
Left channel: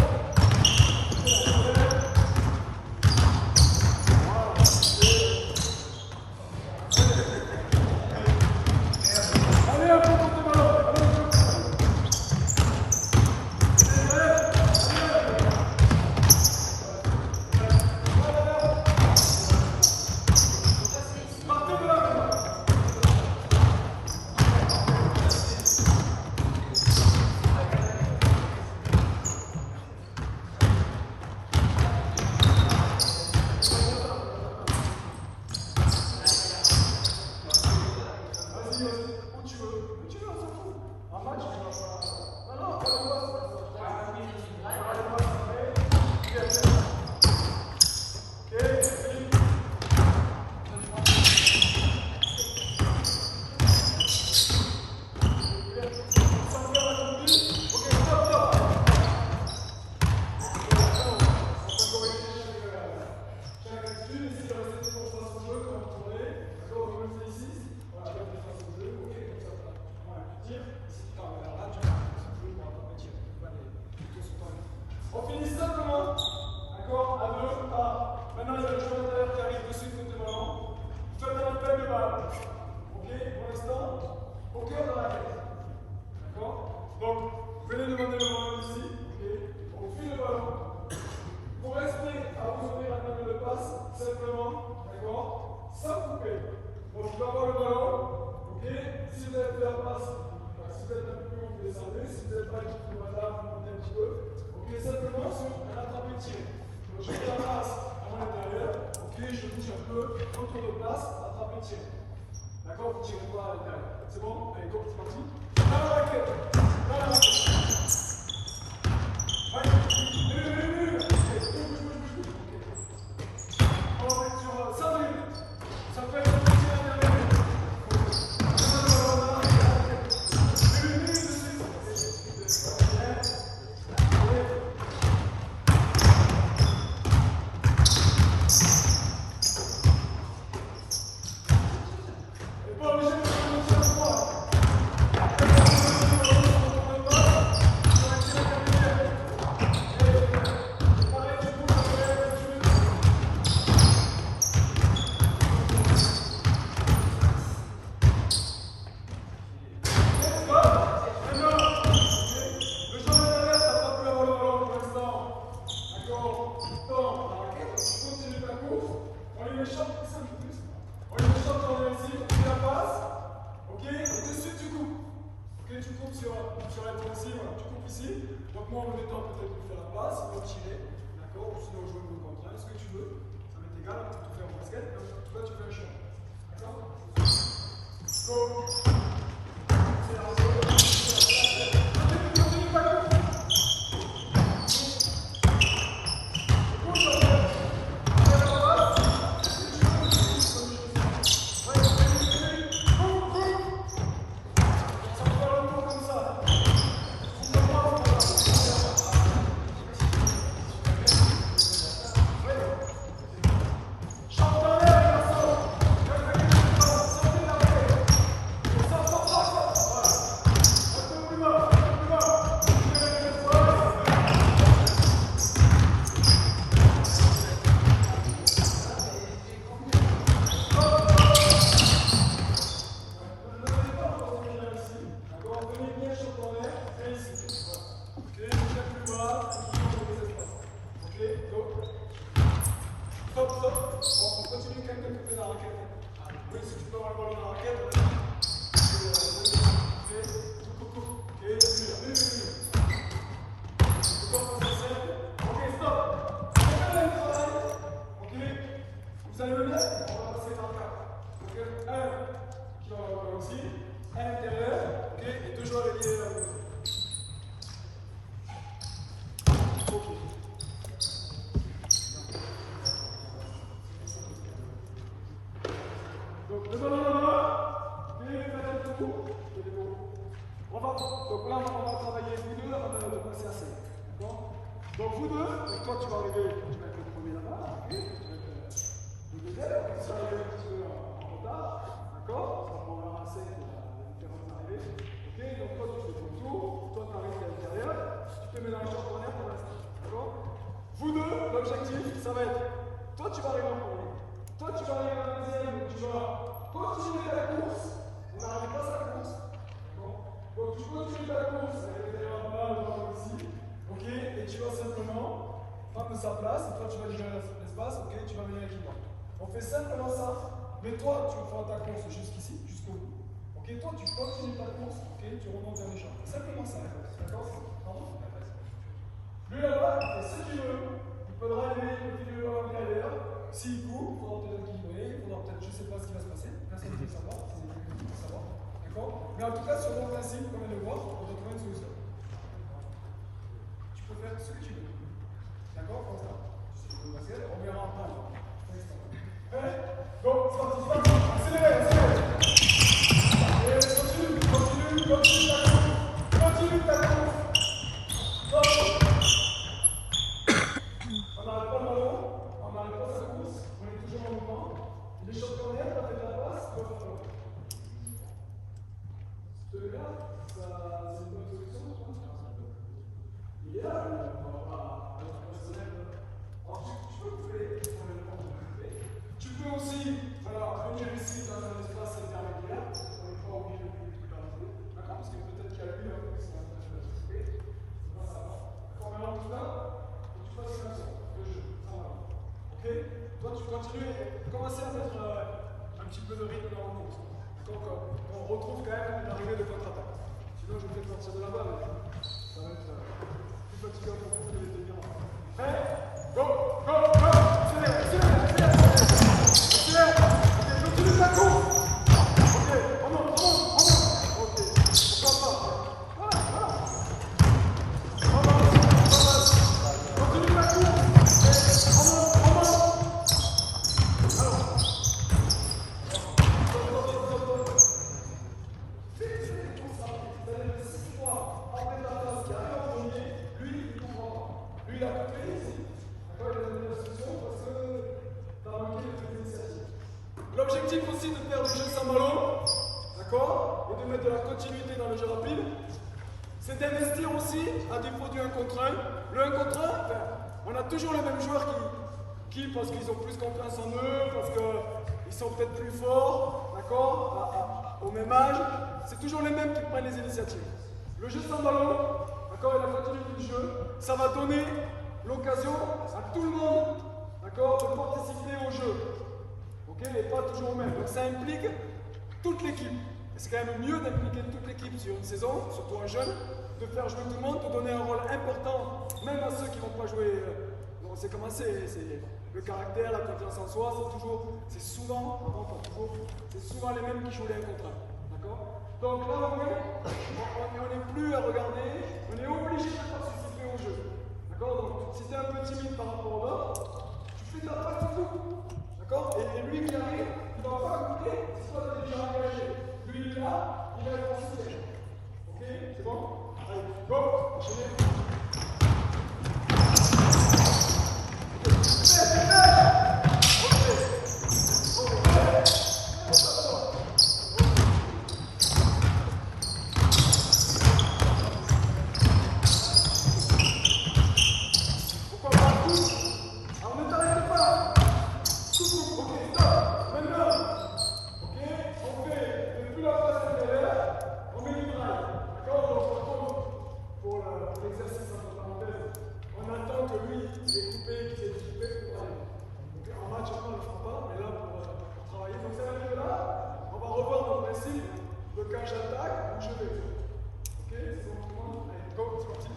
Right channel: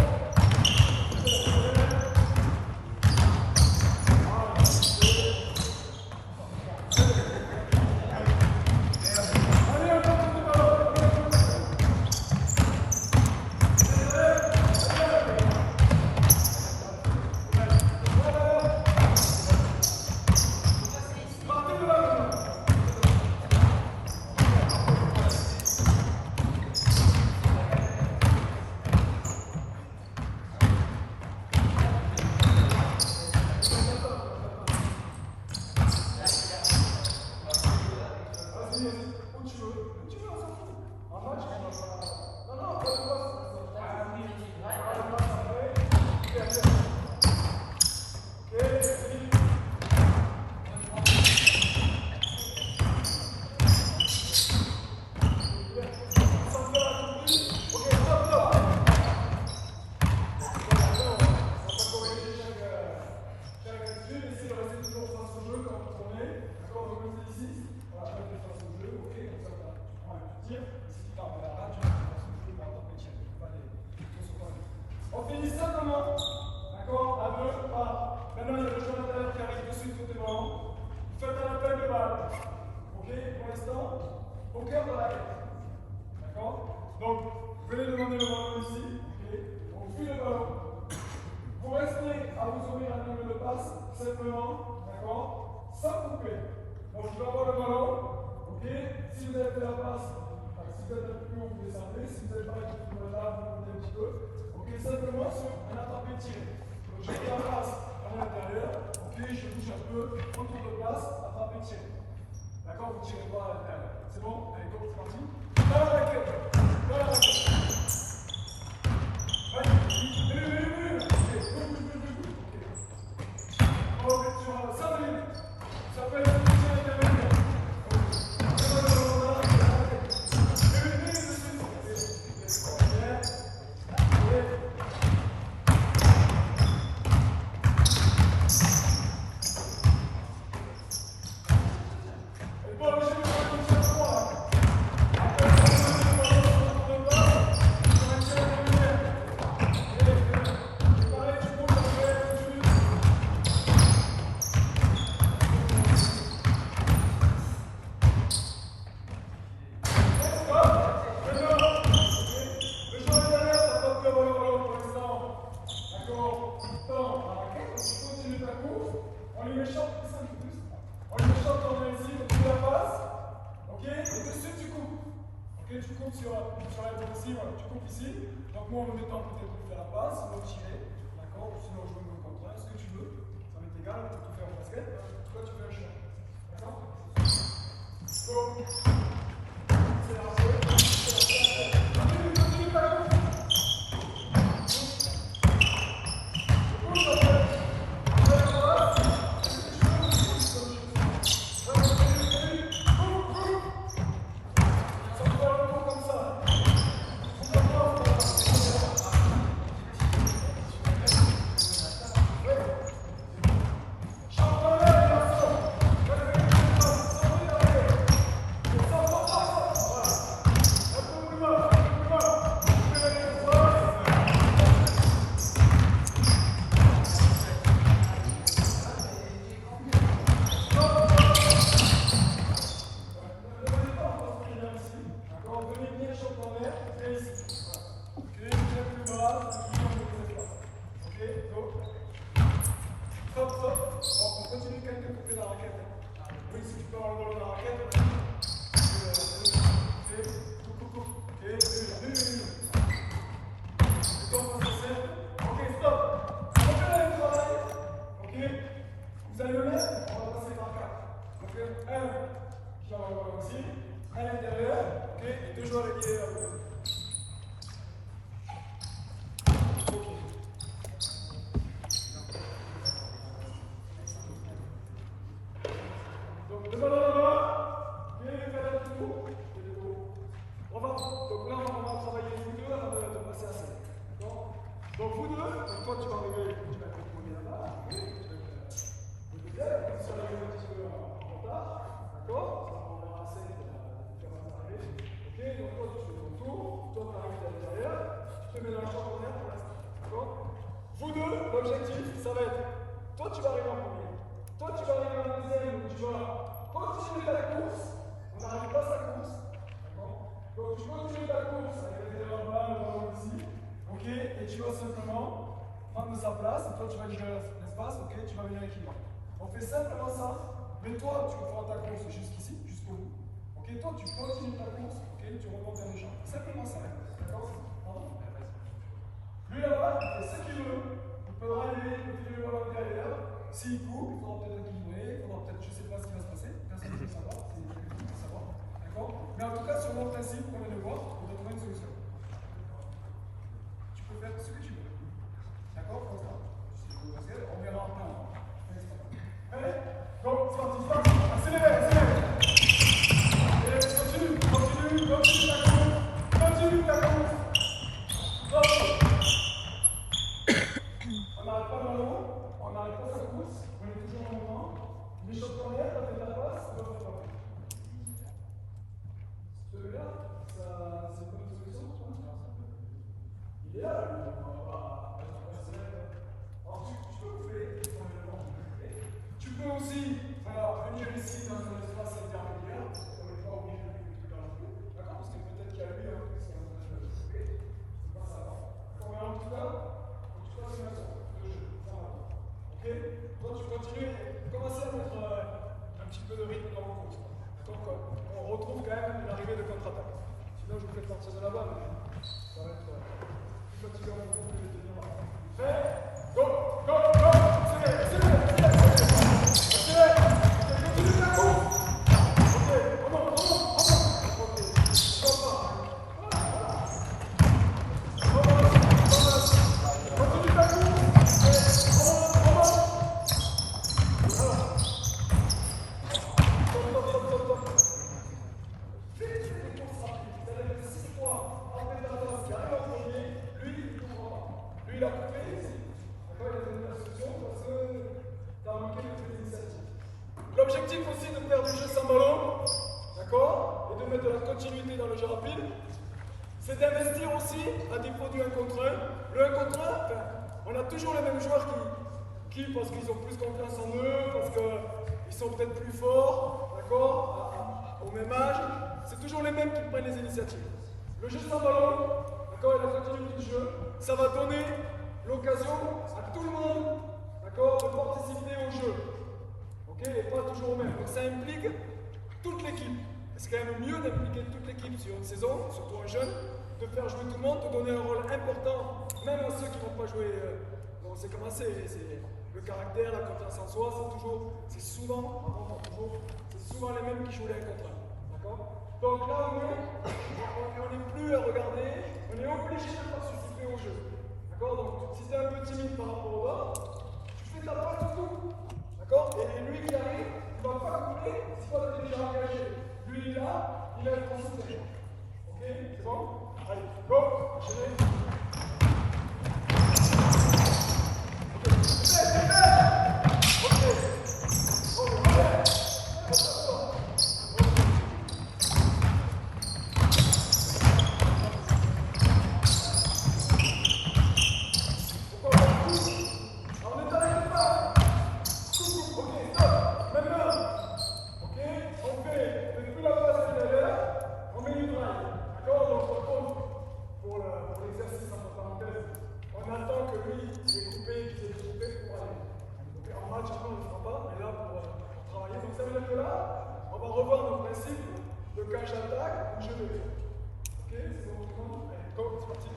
On finit ça comment? D'accord? À deux. Ah. Maintenant, il y a le joueur intérieur qui arrive dessus de côté ballon. Vous faites un appel de balle. Ok? Pour l'instant, au cœur de la raquette. D'accord? Donc, venez demander le ballon ici. Ok? On fuit le ballon. Vous restez à vous ouvrir un angle de passe, simplement. D'accord? Sans couper. Donc, je vais avoir le ballon. Ok? Si vous avez fait la passe, si vous êtes un peu plus haut, vous descendez. Si vous n'êtes pas équipé de là, vous montez un petit peu. Ok, simplement sur un attrapé-tiré. Donc je fais la passe à mon intérieur. Ok, je bouge un peu, retour de place, attrapé-tiré. D'accord, vous ne tirez pas à l'intérieur. C'est bon? Allez, go, c'est parti. Dans la raquette. Dans la raquette. Ouais, bouge. Ok. Sur 5 minutes. Ça peut être un petit intermédiaire. Donc moi en me mettant peut-être plus faire la passe, on va tirer, d'accord, ou sinon jouer contre contrat, ce que tu veux, ça m'est égal, tu peux tout faire en basket, mais en tout cas tu fais un shot. D'accord? Go! C'est la Stop, stop. On continue quand même de couper la raquette. Oui, si tu peux avoir le ballon dans la raquette, on a dit. Ok, stop. Ok, là, il travaille. Ok, vous allez le mettre, on va passer par 4. Donc, un qui va avoir le ballon aussi, à l'intérieur, ok, et 2 joueurs liés à l'autre. Ok. Donc, le ballon là-bas, ok, vous faites le tour. Donc là, on va travailler vous deux avant de passer à 7. D'accord? Donc vous deux, donc toi tu vas arriver, tu vas être le premier là-bas, ok? Le deuxième, comme ça arrive un petit peu en retard, d'accord? Ça prendra assez pour la différence d'arrivée. Ok? Donc toi tu fais ton tour, toi tu arrives de l'intérieur, tu te mets dans la chambre première pour l'instant. D'accord? Vous deux, l'objectif, ça va être, toi tu vas arriver en premier, toi tu vas arriver en deuxième, donc tu vas continuer à la course, on n'arrête pas sa course. Donc tu continues ta course avec les balle ici, ok, et tu vas simplement prendre sa place, et toi tu vas libérer l'espace, ok, tu vas venir avec lui. On fait simplement ça, mais toi tu prends ta course jusqu'ici, jusqu'au bout, ok, toi tu continues ta course, ok, tu remontes dans les champs, simplement ça, d'accord? Pardon? Lui là-bas, il fait ce qu'il veut, il peut rallumer, il peut tirer le ballon ailleurs, s'il court, il faudra peut-être équilibrer, il faudra peut-être, je ne sais pas ce qui va se passer, personne ne peut savoir, c'est difficile de savoir. Mais en tout cas, sur mon principe, comme le voir, on va trouver une solution. Tu peux faire ce que tu veux. D'accord? Comme ça. On verra pas. Allez, donc, c'est parti. Accélère. Et continue ta course. Continue ta course. Stop. On n'arrête pas le ballon, on n'arrête pas sa course, on est toujours en mouvement. Les choses correctes, on fait de la passe, on va faire quoi? Celui-là, c'est une bonne solution, je pense. Il est là, on va pas se mettre. Alors, tu peux couper, tu peux aussi, voilà, venir ici dans un espace intermédiaire, on n'est pas obligé de couper tout dans le jeu, d'accord? Parce que peut-être qu'il y a lui un peu qui sont en train de couper, c'est pas ça. D'accord, mais en tout cas, tu passes une action, le jeu, ça va. Ok? Toi, tu continues et commencer à mettre un petit peu de rythme dans le course. Donc, on retrouve quand même une arrivée de contre-attaque. Sinon, je vais peut-être partir de là-bas, mais ça va être plus fatigant pour vous de les tenir là. Prêt? Go! Accélère! Ok, continue ta course! Ok, remonte! Ok, pourquoi pas? Voilà! Continue ta course! Remonte! Alors! Stop! Lui, il a coupé ici. D'accord, il a donné la solution parce que tu as manqué de toute initiative. L'objectif aussi de faire du jeu sans ballon, d'accord, et de mettre de la continuité dans le jeu rapide, c'est d'investir aussi à défaut du 1 contre 1. Le 1 contre 1, on a toujours les mêmes joueurs qui parce qu'ils ont plus confiance en eux, parce qu'ils sont peut-être plus forts, d'accord, au même âge, c'est toujours les mêmes qui prennent les initiatives. Le jeu sans ballon, d'accord, et la continuité du jeu, ça va donner l'occasion à tout le monde, d'accord, de participer au jeu. Ok, et pas toujours au même. Donc ça implique toute l'équipe. C'est quand même mieux d'impliquer toute l'équipe sur une saison, surtout un jeune, de faire jouer tout le monde, de donner un rôle important, même à ceux qui ne vont pas jouer. On sait comment c'est le caractère, la confiance en soi, c'est souvent les mêmes qui jouent les 1 contre 1. D'accord? Donc là, on n'est plus à regarder, on est obligé de participer au jeu. D'accord? Donc si tu es un peu timide par rapport aux autres, tu fais ta part tout. D'accord? Et lui qui arrive, il va pas couper si toi tu es déjà engagé. Lui il est là, il a le considéré. Ok? C'est bon? Allez, go! Enchaînez. Pour l'exercice quand j'attaque, où je vais. Ok, c'est bon tout le monde? Allez, go, c'est parti.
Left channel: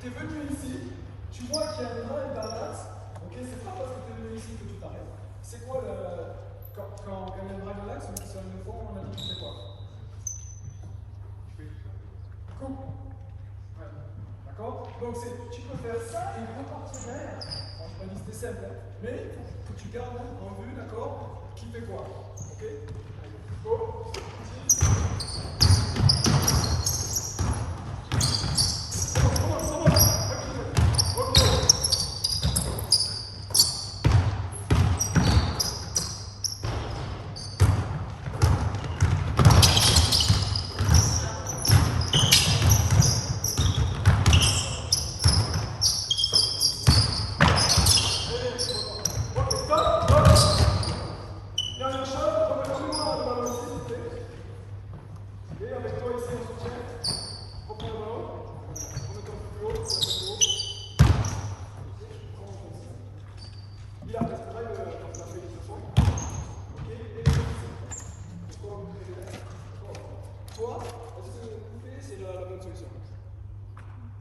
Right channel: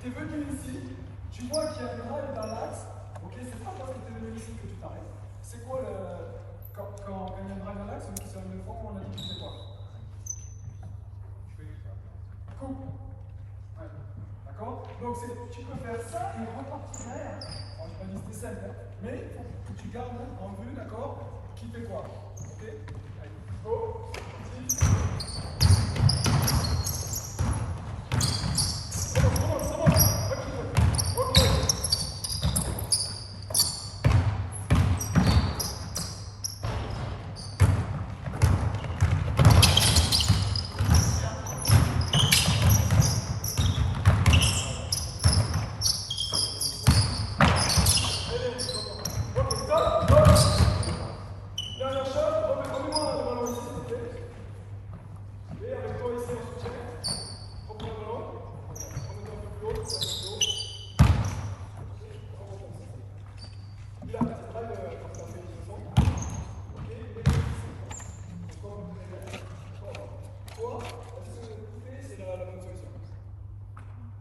Tu es venu ici, tu vois qu'il y a un rail dans l'axe, ok, c'est pas parce que tu es venu ici que tu t'arrêtes. C'est quoi le. Quand il y a un rail dans l'axe, on dit sur le fond, on a dit que c'est quoi? Coupe. Ouais. D'accord? Donc tu peux faire ça et repartir derrière. Bon, je pas dit que c'était simple, hein, mais il faut que tu gardes en vue, d'accord? Qui fait quoi? Ok? Allez, go! Dernière chose, remets-moi le ballon ici, s'il vous plaît. Et avec toi ici en soutien, reprends le ballon, remets-toi un peu plus haut, un peu plus haut. Il a fait quand tu as fait le fond. Ok, et c'est quoi vous voulez? Toi, est-ce que couper c'est la bonne solution?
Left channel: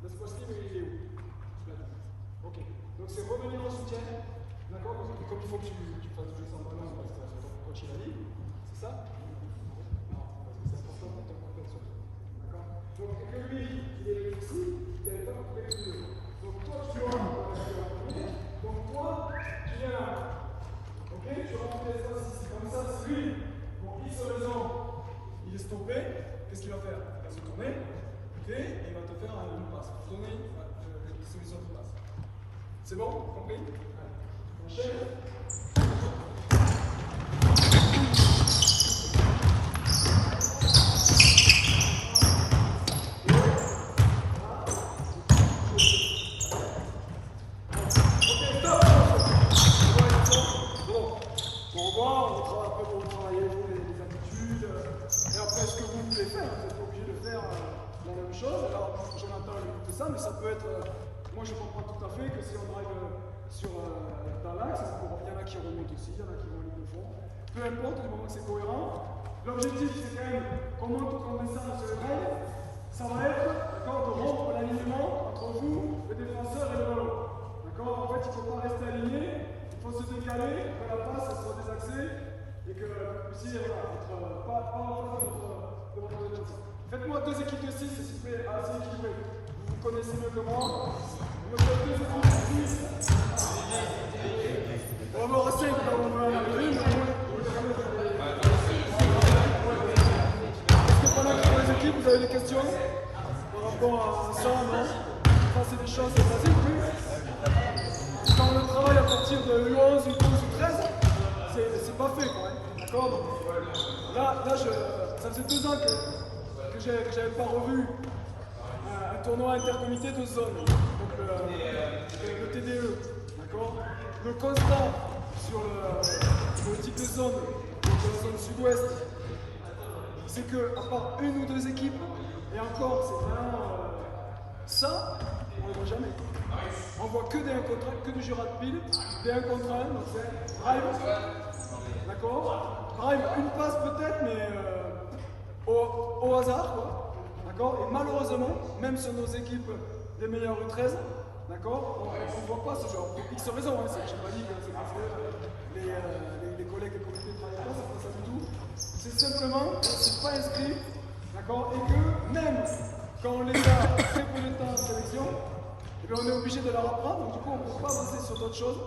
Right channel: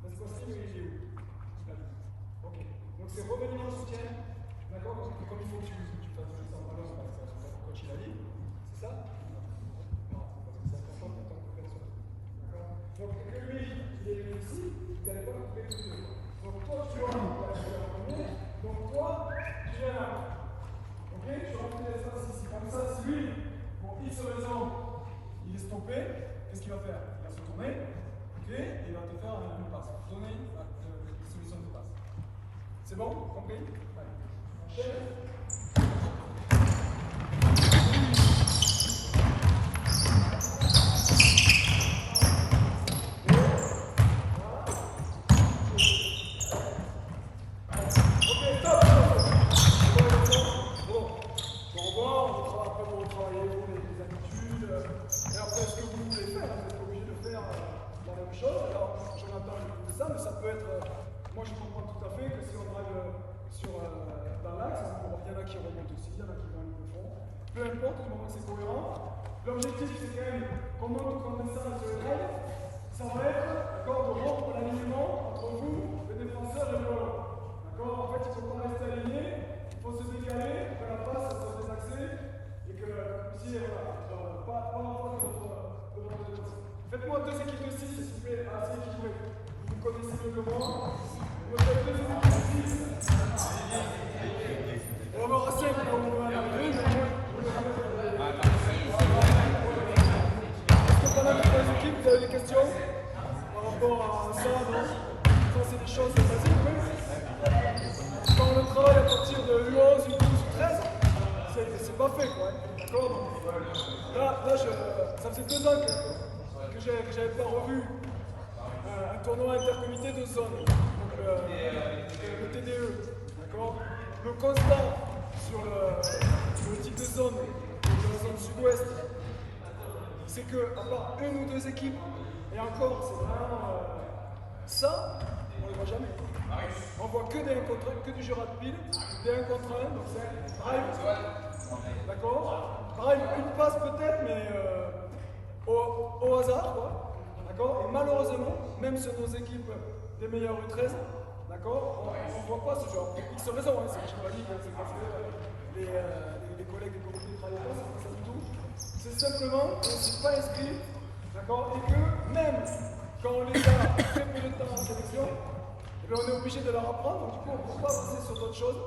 Laisse fois-ci, mais il est où? Ok, donc c'est revenir en soutien. D'accord? Donc comme il faut que tu fasses jouer sans ballon parce que c'est ton coach il a dit, c'est ça? Non, c'est important pour ton compétition. D'accord? Donc que lui, il est ici, il n'avait pas compris tous les deux. Donc toi, tu vas en premier, donc toi, tu viens là. Ok? Tu remplis l'espace ici. Comme ça, si lui, pour X raison, il est stoppé, qu'est-ce qu'il va faire? Il va se tourner, ok? Et il va te faire une passe. Donner une solution de passe. C'est bon? Compris? Allez. Enchaîne. Mais ça peut être, moi je comprends tout à fait que si on drive dans l'axe, il y en a qui remontent aussi, il y en a qui vont aller de fond. Peu importe, du moment que c'est cohérent. L'objectif c'est quand même qu'on monte comme ça sur le rail, ça va être de rompre l'alignement entre vous, le défenseur et le ballon. D'accord? En fait, il ne faut pas rester aligné, il faut se décaler, que la passe soit désaxée et que vous puissiez être pas en face de votre adversaire. Faites-moi 2 équipes de 6, s'il vous plaît, assez équilibrées. Vous connaissez le comment? Le code 2 équipes de 6. On aura 5 dans le est-ce que pendant les 3 équipes, vous avez des questions par rapport à ça, non? Ça, c'est des choses basiques, oui. Quand on travaille à partir de U11, U12, U13, c'est pas fait, quoi. Hein. D'accord? Donc, là ça faisait 2 ans que j'avais pas revu un tournoi intercomité de zone, donc le TDE, d'accord? Le constat sur le type de zone, de la zone sud-ouest, c'est qu'à part 1 ou 2 équipes, et encore, c'est vraiment ça, on ne le voit jamais. On voit que des 1 contre 1, que du jeu rapide, des 1 contre 1, donc c'est drive, d'accord? Drive, une passe peut-être, mais au hasard, quoi. D'accord? Et malheureusement, même sur nos équipes des meilleurs U13, d'accord, on ne voit pas ce genre. Pour X raisons, hein, c'est pas dit que c'est parce que les collègues et communautés ne travaillent pas, c'est pas ça du tout. C'est simplement qu'on ne s'est pas inscrit, d'accord, et que même quand on les a très peu de temps en sélection, eh bien, on est obligé de leur apprendre, donc du coup on ne peut pas passer sur d'autres choses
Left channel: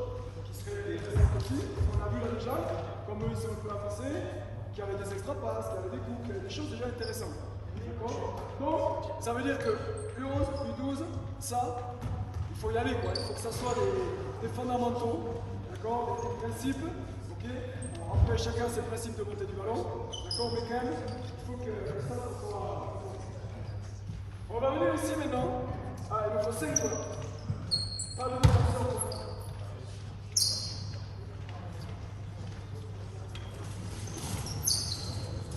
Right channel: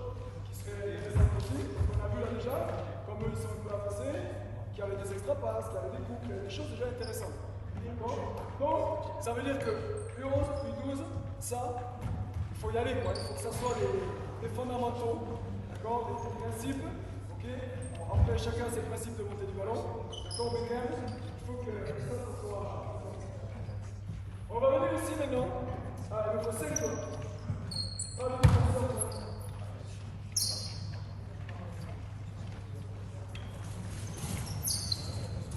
qui seraient très simples aussi. On a vu là déjà, comme eux ils sont un peu avancés, qu'il y avait des extra passes, qu'il y avait des coups, qu'il y avait des choses déjà intéressantes. Donc, ça veut dire que U11, U12, ça, il faut y aller, quoi. Il faut que ça soit les fondamentaux, d'accord, les principes, ok. Bon, après, chacun a ses principes de montée du ballon, d'accord, mais quand même, il faut que ça soit. On va venir ici maintenant. Ah, il nous faut 5 joueurs. Pas de défenseur, quoi.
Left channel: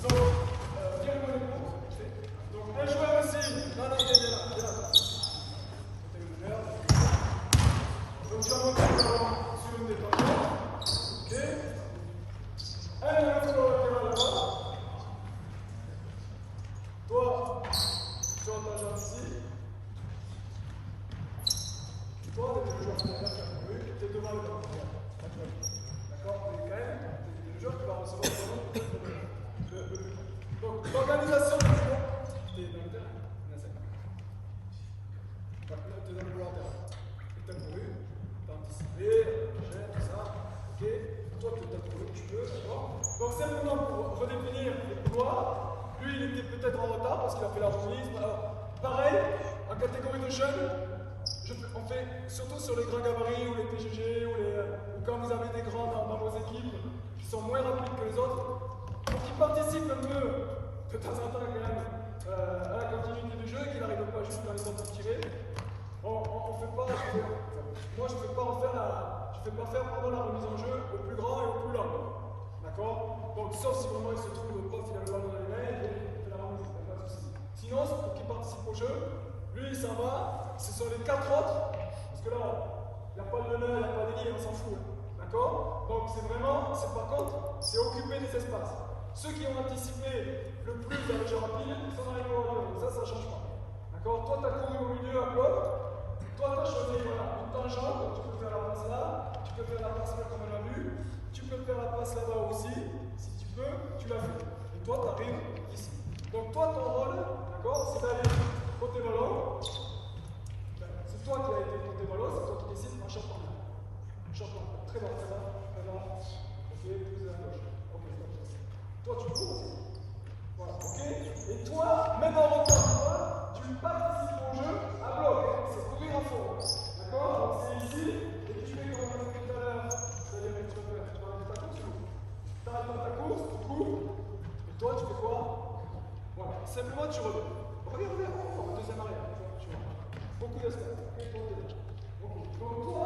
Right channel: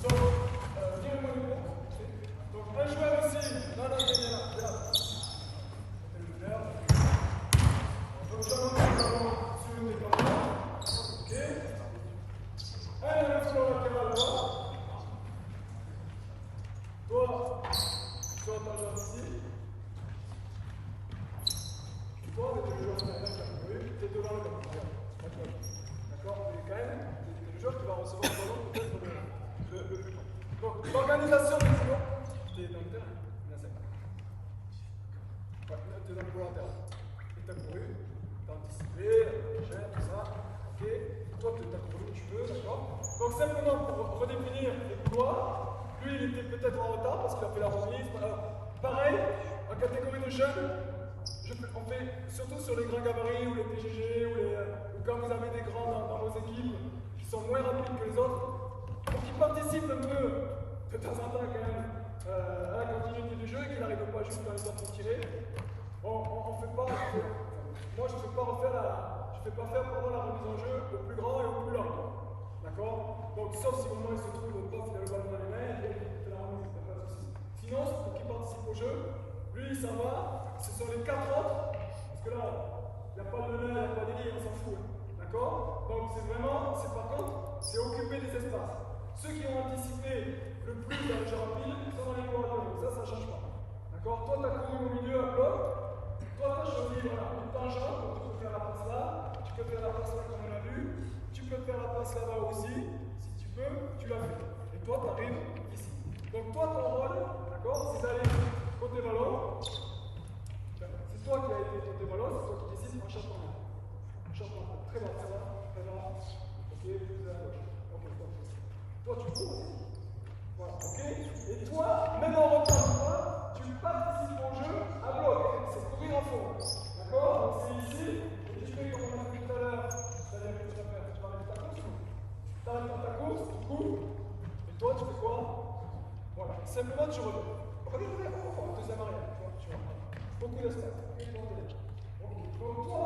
Donc, viens avec moi. Donc, un joueur ici. Non, non, viens là, viens là. Donc, je vais monter sur une des premières. Ok. Un de la collaborateur à droite. Toi, sur ta jambe ici. Toi, le joueur qui va faire ça, oui, tu es devant le ballon. D'accord? Mais quand même, tu es le joueur qui va recevoir le ballon peut-être le plus fort. Donc, l'organisation du jeu, tu es dans le terrain, là, tu es dans le couloir interne. Tu as couru, tu as anticipé, tout ça. Ok? Toi, tu as couru, tu peux, d'accord? Donc, simplement pour redéfinir les couloirs, lui, il était peut-être en retard parce qu'il a fait la remise. Alors, pareil, en catégorie de jeunes, on fait surtout sur les grands gabarits ou les PGG ou quand vous avez des grands dans vos équipes qui sont moins rapides que les autres, et qui participent un peu de temps en temps quand même à la continuité du jeu, qui n'arrivent pas juste quand ils ont tiré. On fait pas. Moi, je ne fais pas faire pendant la remise en jeu au plus grand et au plus lent. D'accord? Donc, sauf si vraiment il se trouve au poste, il a le ballon dans les mains, et il fait la remise, pas de souci. Sinon, pour qu'il participe au jeu, lui, il s'en va. Ce sont les 4 autres, parce que là, il n'y a pas de nœud, il n'y a pas de ligne, on s'en fout. D'accord? Donc c'est vraiment, c'est par contre, c'est occuper des espaces. Ceux qui ont anticipé le plus dans le jeu rapide, ils sont dans les couloirs. Ça ne change pas. D'accord? Toi, tu as couru au milieu à bloc. Toi, tu as choisi voilà, une tangente, donc tu peux faire la passe là, tu peux faire la passe là comme on a vu, tu peux faire la passe là-bas aussi, si tu peux, tu l'as fait. Et toi, tu arrives ici. Donc toi, ton rôle, d'accord, c'est d'aller côté ballon. C'est toi qui as été côté ballon, c'est toi qui décides en chantant là. Très bon, ça va. Très bien. Ok, plus à gauche. Ok, top. Toi, tu cours aussi. Voilà, ok. Et toi, même en retard, tu participes au jeu à bloc. C'est courir en fond. D'accord? Donc c'est ici. Et tu fais comme on a fait tout à l'heure. C'est-à-dire que tu vas faire. Tu vas arrêter ta course ou tu arrêtes pas ta course, tu cours. Et toi, tu fais quoi? Voilà. Simplement, tu redonnes. Regarde, en deuxième arrière. Tu vois. Beaucoup d'espace. Ok, toi, t'es là. Ok. Donc toi,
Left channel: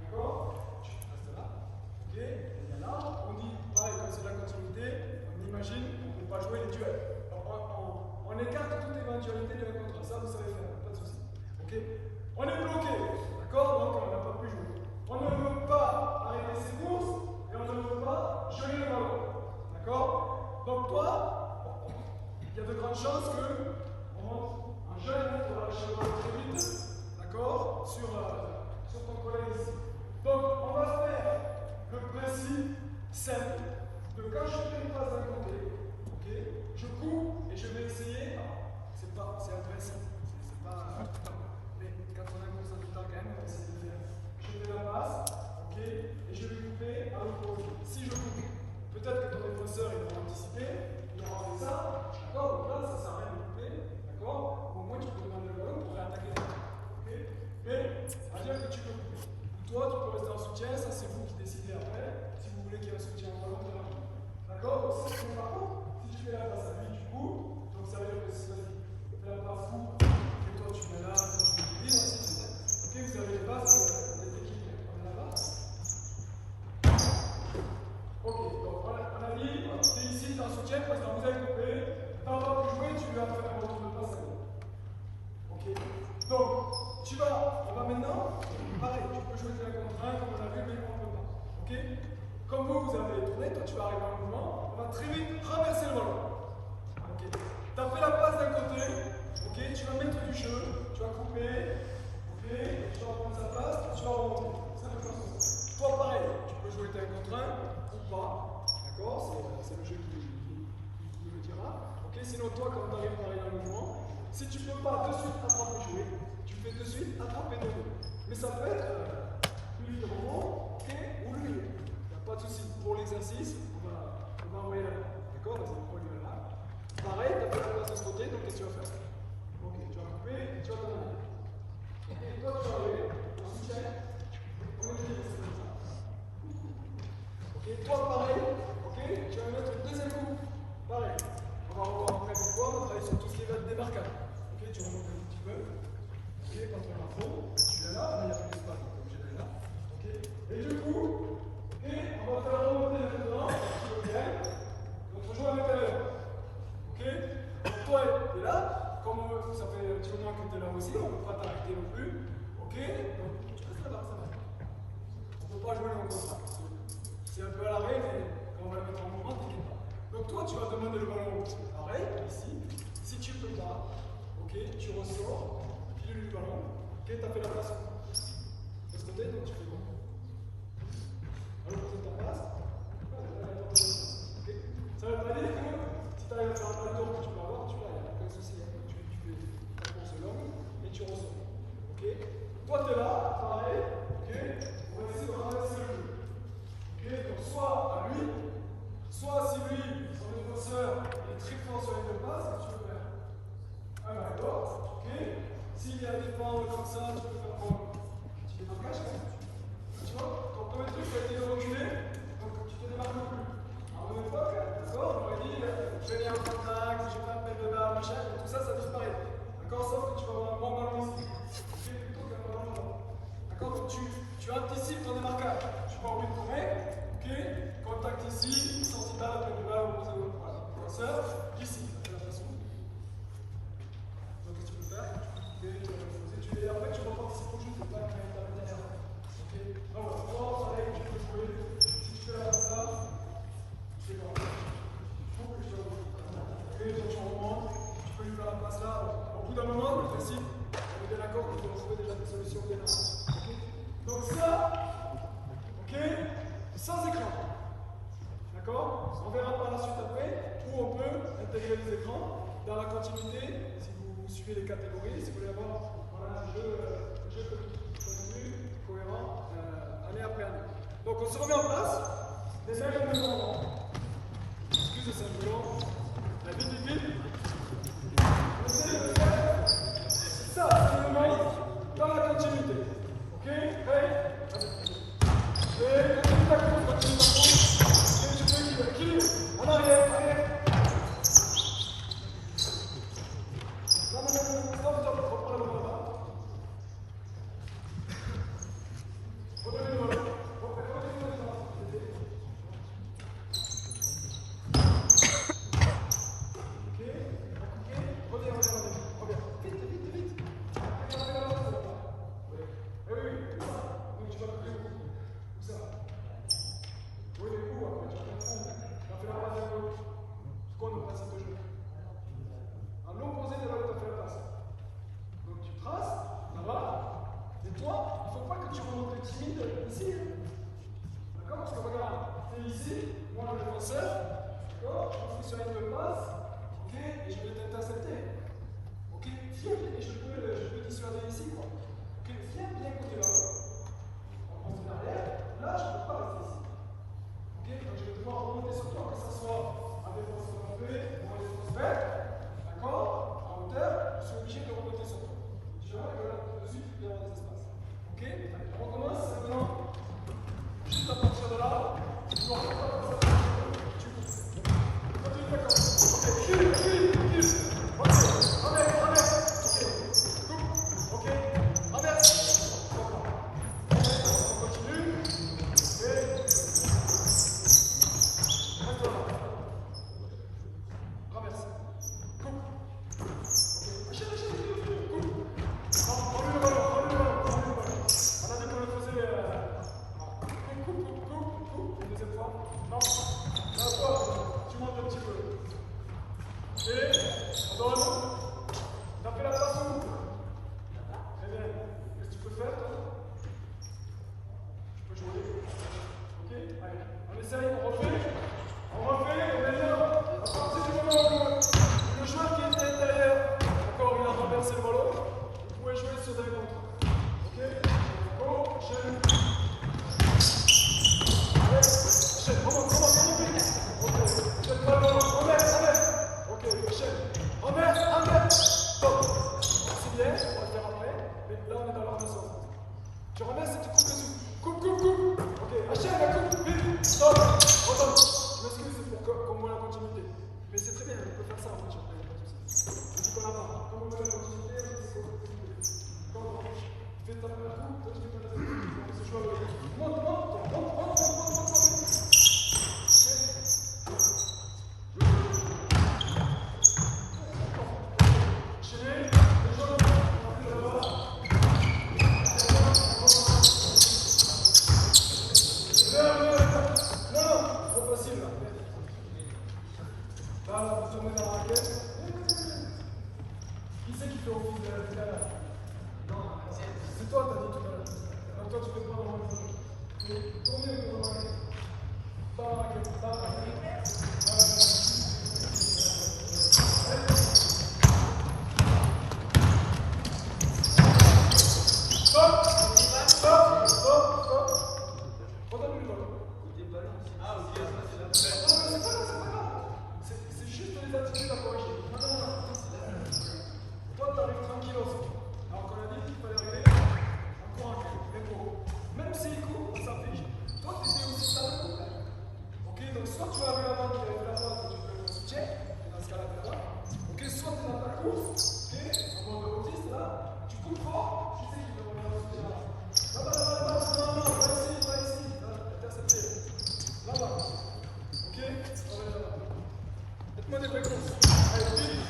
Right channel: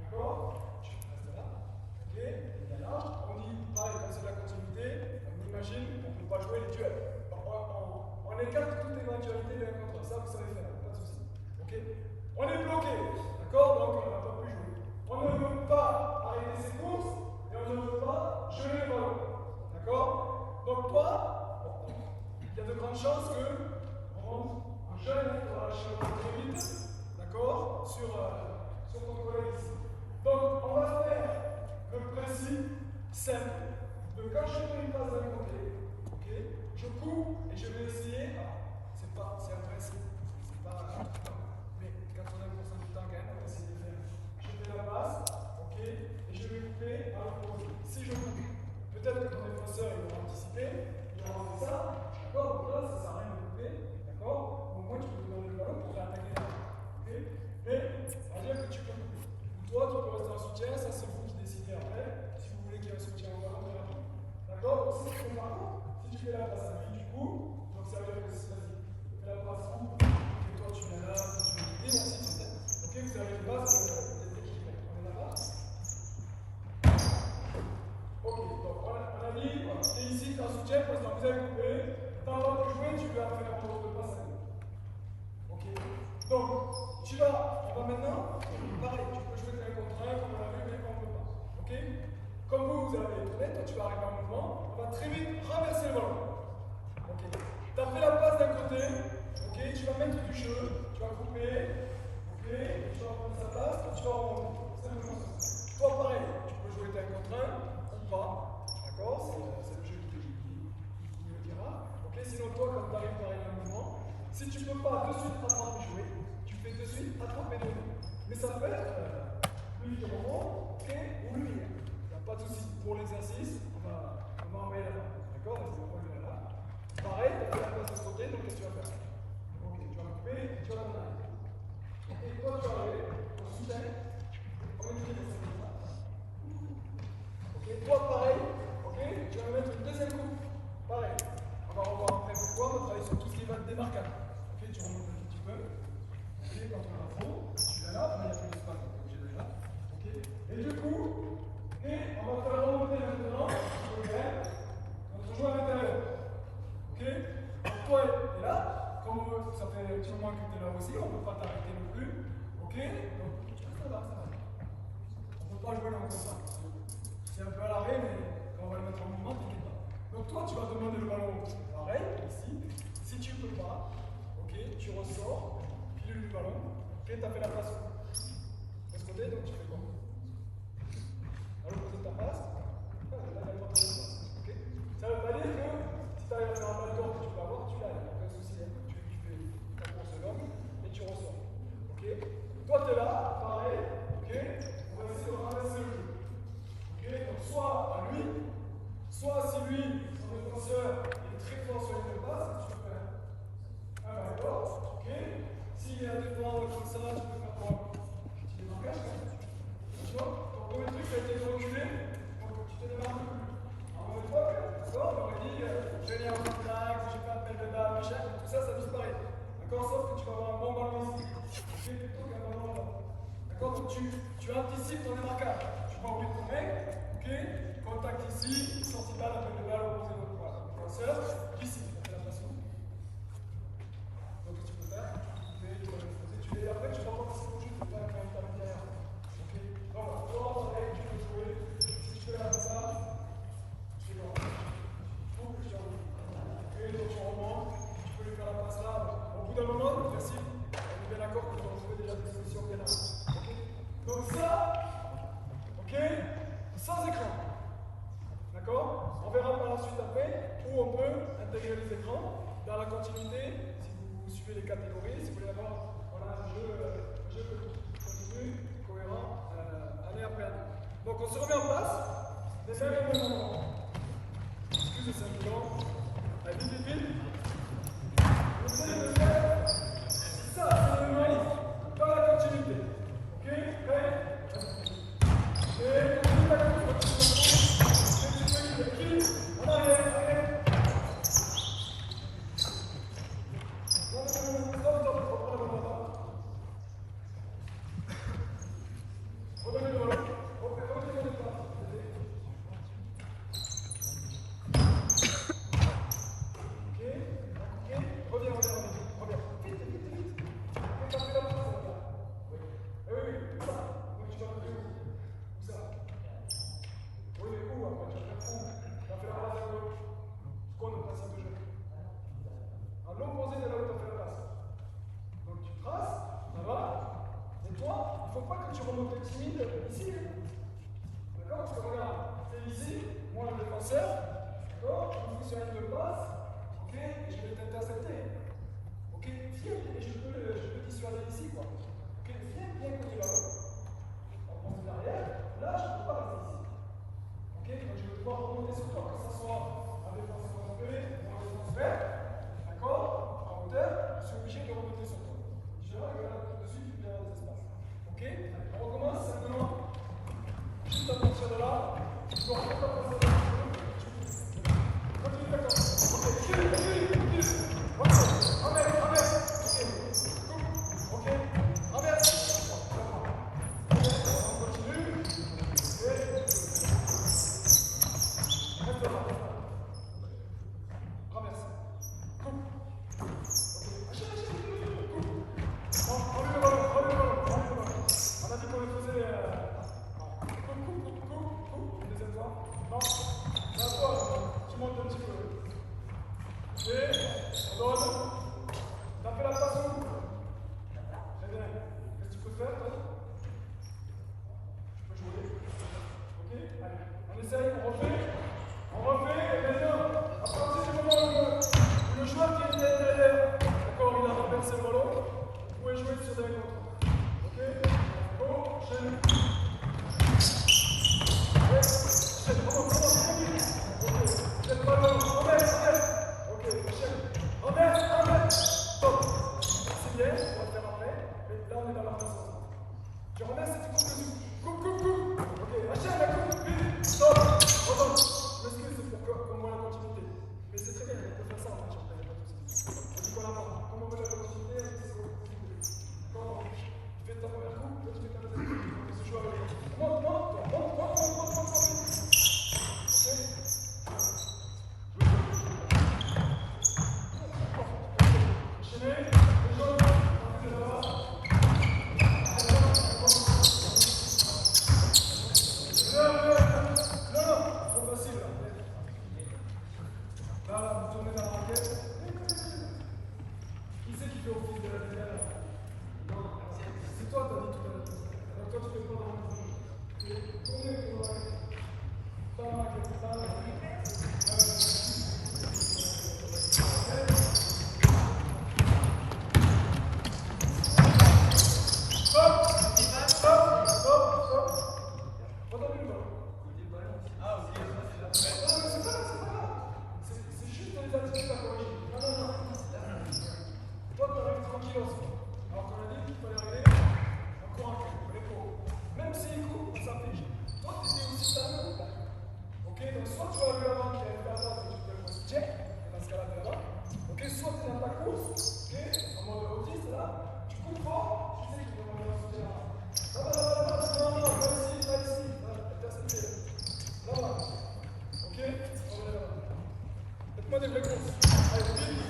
d'accord? Tu restes là. Ok. Et là, on dit, pareil, comme c'est de la continuité, on imagine qu'on ne peut pas jouer les duels. On écarte toute éventualité de un contre un. Ça, vous savez faire, pas de souci. Ok. On est bloqué. D'accord? Donc on n'a pas pu jouer. On ne veut pas arrêter ses courses et on ne veut pas geler le ballon. D'accord? Donc toi, il y a de grandes chances que un jeune va lâcher le ballon très vite, d'accord, sur ton collègue ici. Donc, on va faire le principe simple de quand je fais une passe d'un côté, ok, je cours et je vais essayer, c'est un principe, c'est pas mais quand on a comme ça du temps quand même, on va essayer de faire, je fais la passe, ok, et je vais couper à l'opposé. Si je coupe, peut-être que ton défenseur il va anticiper, il aura fait ça, d'accord, donc là ça sert à rien de couper, d'accord, au moins tu peux demander le ballon pour réattaquer ça, ok, mais ça veut dire que tu peux couper. Ou toi tu peux rester en soutien, ça c'est vous qui décidez après, si vous voulez qu'il y ait un soutien au ballon, d'accord, donc ça c'est par contre, si tu fais la passe à lui du coup, donc ça veut dire que si vas-y, fais la passe coupe, et toi tu mets là, toi tu mets libre, ainsi de suite. Ok, vous avez les bases d'équilibre, on est là-bas. Ok, donc on a dit, tu es ici, tu es en soutien, parce que vous avez coupé, tu n'as pas pu jouer, tu lui as fait un retour de passe à vous. Ok, donc tu vas, on va maintenant, pareil, tu peux jouer un contre un, comme on l'a vu, mais on ne peut pas. Ok, comme vous avez tourné, toi tu vas arriver en mouvement, on va très vite renverser le ballon. Ok, tu as fait la passe d'un côté, ok, tu vas mettre du jeu, tu vas couper, ok, tu vas prendre sa passe, tu vas remonter. Toi pareil, tu peux jouer un contre un ou pas, d'accord, c'est le jeu qui le dira. Ok, sinon toi comme tu arrives pareil dans le mouvement, si tu ne peux pas de suite attraper jouer, tu fais de suite attraper donner. Mais ça peut être lui il remonte, ok, ou lui. Il n'y a pas de souci. Pour l'exercice, on va envoyer là. D'accord, vas-y, on va lui là. Pareil, tu as fait la place de ce côté, donc qu'est-ce que tu vas faire? Ok, tu vas couper, tu vas donner. Ok, toi tu vas aller, on soutient. On est comme ça. Ok, toi pareil, ok, tu vas mettre une deuxième coupe. Pareil. On va revoir après pourquoi, on va travailler sur tout ce qui va être démarquable. Ok, que tu es là aussi, on ne peut pas t'arrêter non plus. Ok? Donc tu restes là, ça va. On ne peut pas jouer dans le contrat. C'est un peu à l'arrêt, mais quand on va le mettre en mouvement, t'inquiète pas. Donc toi, tu vas demander le ballon pareil, ici. Si tu ne peux pas, ok, tu ressors, pile du ballon, ok, tu as fait la passe de ce côté, donc tu fais quoi? À l'opposé de ta passe, là, il y a le temps. Ok? Ça ne veut pas dire que si tu arrives à faire un backdoor que tu peux avoir, tu l'as, il n'y a aucun souci. Hein. Tu fais ta course longue et tu ressors. Ok? Toi, tu es là, pareil, ok? On va essayer de ramasser le jeu. Ok? Donc, soit à lui, soit si lui, son défenseur, il est très fort sur les deux passes, tu peux faire un backdoor. Ok? S'il est à défendre comme ça, tu peux faire quoi? Tu démarcages, tu vois? Quand ton truc a été reculé, donc tu te démarques plus. Alors, une fois, d'accord, on aurait dit, je vais aller en contact, je fais un appel de balle, machin, tout ça, ça disparaît. D'accord, sauf que tu vas avoir un bon ballon ici. Ok, plutôt qu'un ballon là-bas. D'accord, donc tu anticipes ton démarquage. Tu vas au but de ton mec, ok, contact ici, sortie de balle, appel de balle, opposé de l'autre. Voilà, lanceur, ici, ça fait la façon. Donc, qu'est-ce que tu peux faire? Et après, tu vas participer au jeu, tu pas quand tu as derrière. Ok, voilà, toi, pareil, tu peux jouer. Si tu fais comme ça, c'est bon. Et donc tu remontes, tu peux lui faire la passe là. Au bout d'un moment, le principe, on est bien d'accord que tu dois trouver déjà des solutions bien avant. Okay. Donc ça, ok, sans écran. D'accord? On verra par la suite après où on peut intégrer les écrans dans la continuité. Si vous suivez les catégories, si vous voulez avoir voilà, un jeu continu, cohérent, année après année. Donc on se remet en place, les mêmes éléments. Excusez simplement. Vite, vite, vite. On essaie de faire ça, c'est l'élément dans la continuité. Ok? Prêt? Et continue ta course, continue ta course. Et tu fais équilibre. En arrière, arrière. Non, stop, reprends la balle là. Redonnez le ballon. Redonnez le ballon. Reviens. Vite, vite, vite. Et t'as fait la passe là-bas. Oui. Eh oui, c'est ça. Donc tu vas couper où ça? Oui, mais où après? Tu as fait où? Tu as fait la passe à gauche. Ce qu'on a passé de jeu. À l'opposé de là où tu as fait la passe. Donc tu traces, ça va. Et toi, il ne faut pas que tu remontes timide ici. D'accord? Parce que regarde, tu es ici, moi le défenseur. D'accord? Je suis sur une passe. Ok? Et je vais t'intercepter. Ok? Viens, et je peux dissuader ici, quoi. Ok? Viens côté là-haut. On prend derrière. Là, je ne peux pas rester ici. Ok? Donc je vais devoir remonter sur toi, que ce soit en défense rentrée ou en défense verte. D'accord? En hauteur, je suis obligé de remonter sur toi. Je vois que là-dessus, il peut y avoir des espaces. Ok? On recommence maintenant. Juste à partir de là, je dois remonter comme ça. Continue, d'accord. Ok, kill. Ok, renverse. Ok, renverse. On continue. Et reste là. Renverse. Coupe. Ok, coupe. Non, prends le ballon. On a dit qu'on le faisait. Coupe. Une deuxième fois. Non. La fois, tu montes un petit peu. Et on doit rester. Tu as fait la passe au bout. Très bien. Qu'est-ce que tu peux faire, toi? Tu peux jouer. Ok? Allez. On essaye, on refait. Et maintenant, à partir du moment où le joueur qui est derrière, d'accord, il a renversé le ballon, vous pouvez jouer sur un contre. Ok? Go, chaîne. Ouais, chaîne. Remonte vite. Ok. Jette pas le ballon. Renverse. Ok, chaîne. Renverse. Stop. C'est bien, on va le faire après. Mais là, on est dans l'organisation. Tu renverses et tu coupes dessus. Coupe. Ok, achète la coupe. Vite. Stop. Redonne. Je m'excuse, c'est pour qu'on voit la continuité. Mais c'est très bien, on peut faire ça en fait, il n'y a pas de souci. On dit qu'on la main. Comme on veut la continuité, on dit c'est continuité. D'accord? Tu fais ta première coupe, toi tu fais ta deuxième coupe. On se joue avec les autres. Monte. Ok? Enchaîner, les jaunes. avant qui arrive la phase où tu fais ton soutien, et dans ce cas-là, tu vas. Ok, soit tu es dans ta course, ok, en mode autiste là, tu coupes fort, tu sais que tu vas monter en soutien là. Non, pas ici, intercepté. Là-bas. Ok, on va là-bas. Faites-moi des vraies courses. Allez, vite.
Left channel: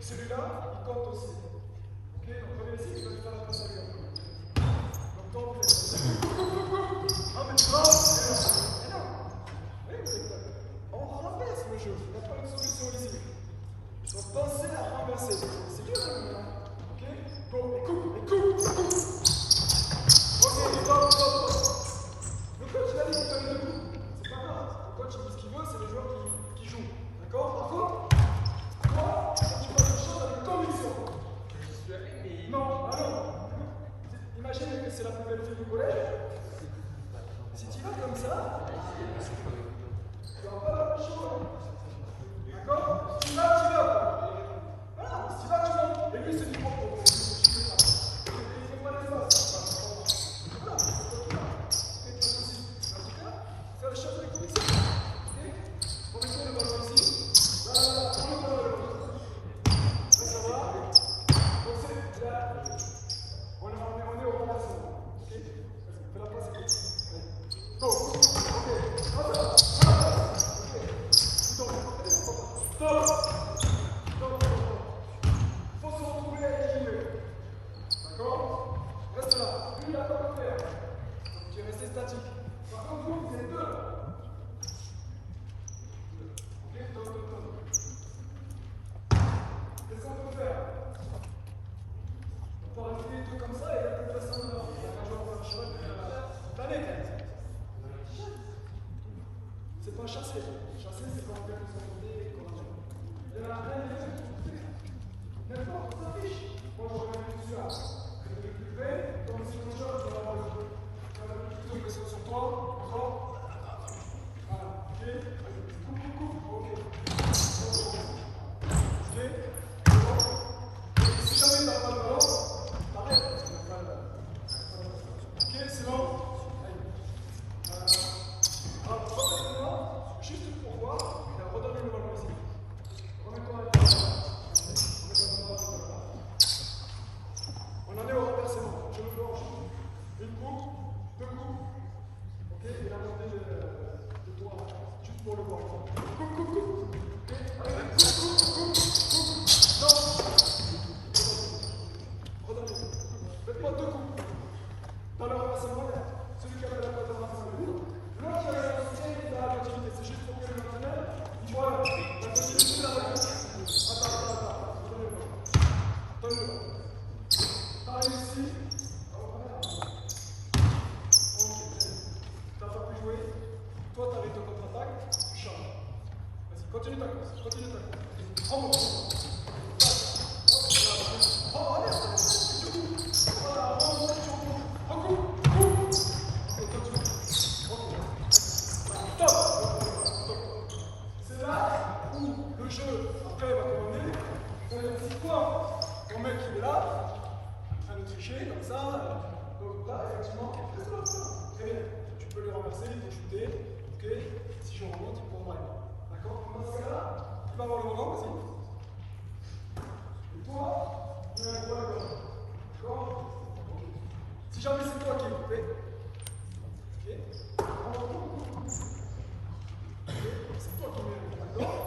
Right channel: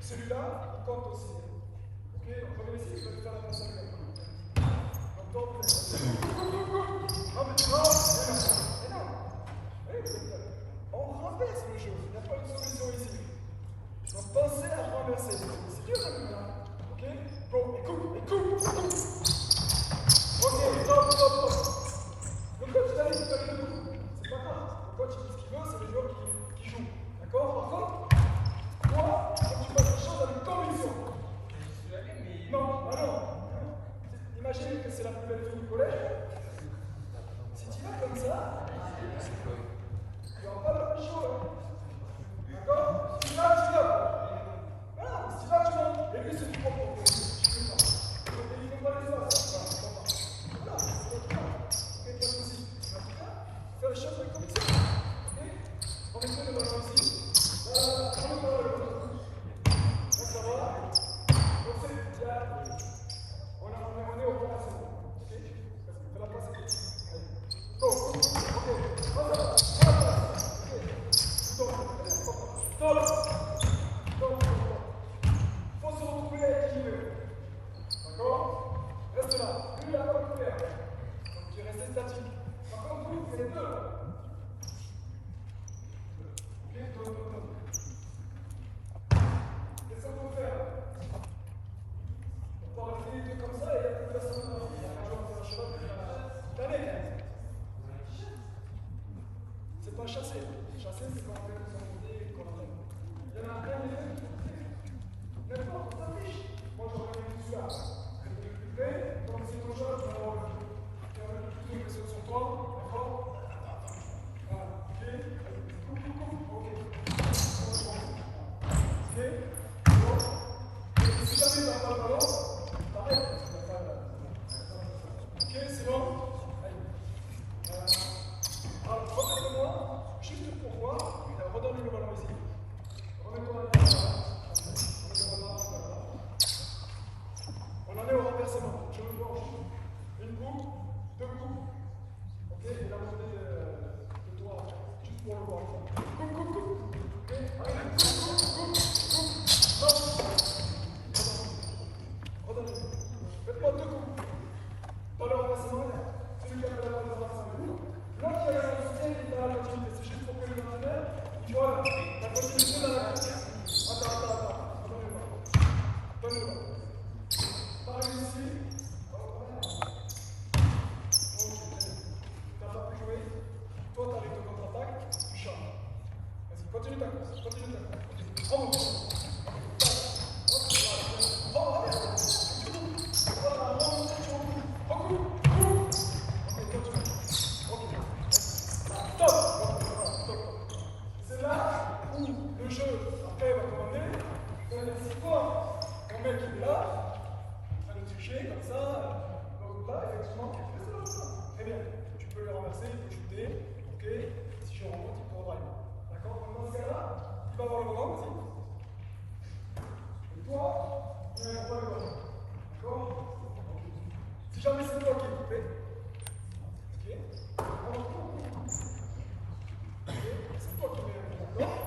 Celui-là, il compte aussi. Ok, donc premier ici, je vais faire la passe à lui. Donc, on renverse le jeu. Il n'y a pas de solution ici. Il faut penser à renverser. C'est dur, hein, ok? Bon, écoute. Ok, stop. Le coach, il a dit qu'il fallait le coup. C'est pas grave. Le coach, il dit ce qu'il veut, c'est le joueur qui joue. D'accord? Par contre, toi, quand tu passes les choses avec conviction. Je suis allé, mais. Non. Imagine que c'est la plus belle fille du collège. Si tu vas comme ça, tu vas pas la plus chaud. Hein. D'accord? Si tu vas. Voilà, si tu vas. Et lui, c'est du propre. Il ne fait pas l'espace. Voilà, c'est toi qui vas. Pas de soucis. En tout cas, fais les choses avec conviction. Ok? On met le ballon ici. Là, on met le ballon. Là, ça va. Donc, c'est là. On est au remplacement. Ok? Fais la passe. Go. Ok. Stop. Faut se retrouver à équilibre. D'accord? Reste là. Lui, il n'a pas pu faire. Donc, tu es resté statique. Par contre, vous, c'est les deux. Ok? Donne. Qu'est-ce qu'on peut faire? On peut rajouter les deux comme ça et il y a plus façon de faire. Il y a pas besoin de faire un cheval spontané, quand même. C'est pas chasser. Chasser, c'est pas en faire une santé comme ça. Il y en a plein de choses. N'importe, on s'affiche. Moi, j'aurais vu ça. Je vais plus bête, comme si ton joueur, tu vas avoir plus de pression sur toi. D'accord? Voilà. Ok? Coupe. Ok. Ok? Si jamais tu n'as pas le ballon, t'arrêtes parce que tu n'as pas le ballon. Ok, c'est bon? Voilà. Redonnez-moi, juste pour voir, redonnez le ballon ici. Remets-toi avec le ballon. On en est au renversement. Je le vois. Une coupe, deux coupes. Ok, et la montée de toi, juste pour le voir. Coupe. Ok, allez, coupe. Non. Redonnez. Faites-moi deux coups. Dans le renversement, celui qui a fait la passe de renversement. L'autre qui a la soutien, il est dans la continuité. C'est juste pour que le entraîneur, il voit la continuité dans la continuité. Attends. Donne-le. T'arrives ici. Ok. T'as pas pu jouer. Toi, t'arrives de contre-attaque. Tu changes. Vas-y, continue ta course. Continue ta course. Bravo. Oh, allez, tu coupes. Voilà, recoupe. Ok, continue. Ok. Stop. C'est là où le jeu, après, va commander. C'est quoi ton mec qui est là, en train de tricher, comme ça. Donc là, effectivement, très bien. Tu peux le renverser, il peut shooter. Ok. Si je remonte, il peut drive. D'accord. Donc dans ce cas-là, tu vas avoir le volant, vas-y. Et toi, il y a le droit de volant. D'accord. Okay. Si jamais c'est toi qui es coupé, ok. C'est toi qui mets le volant.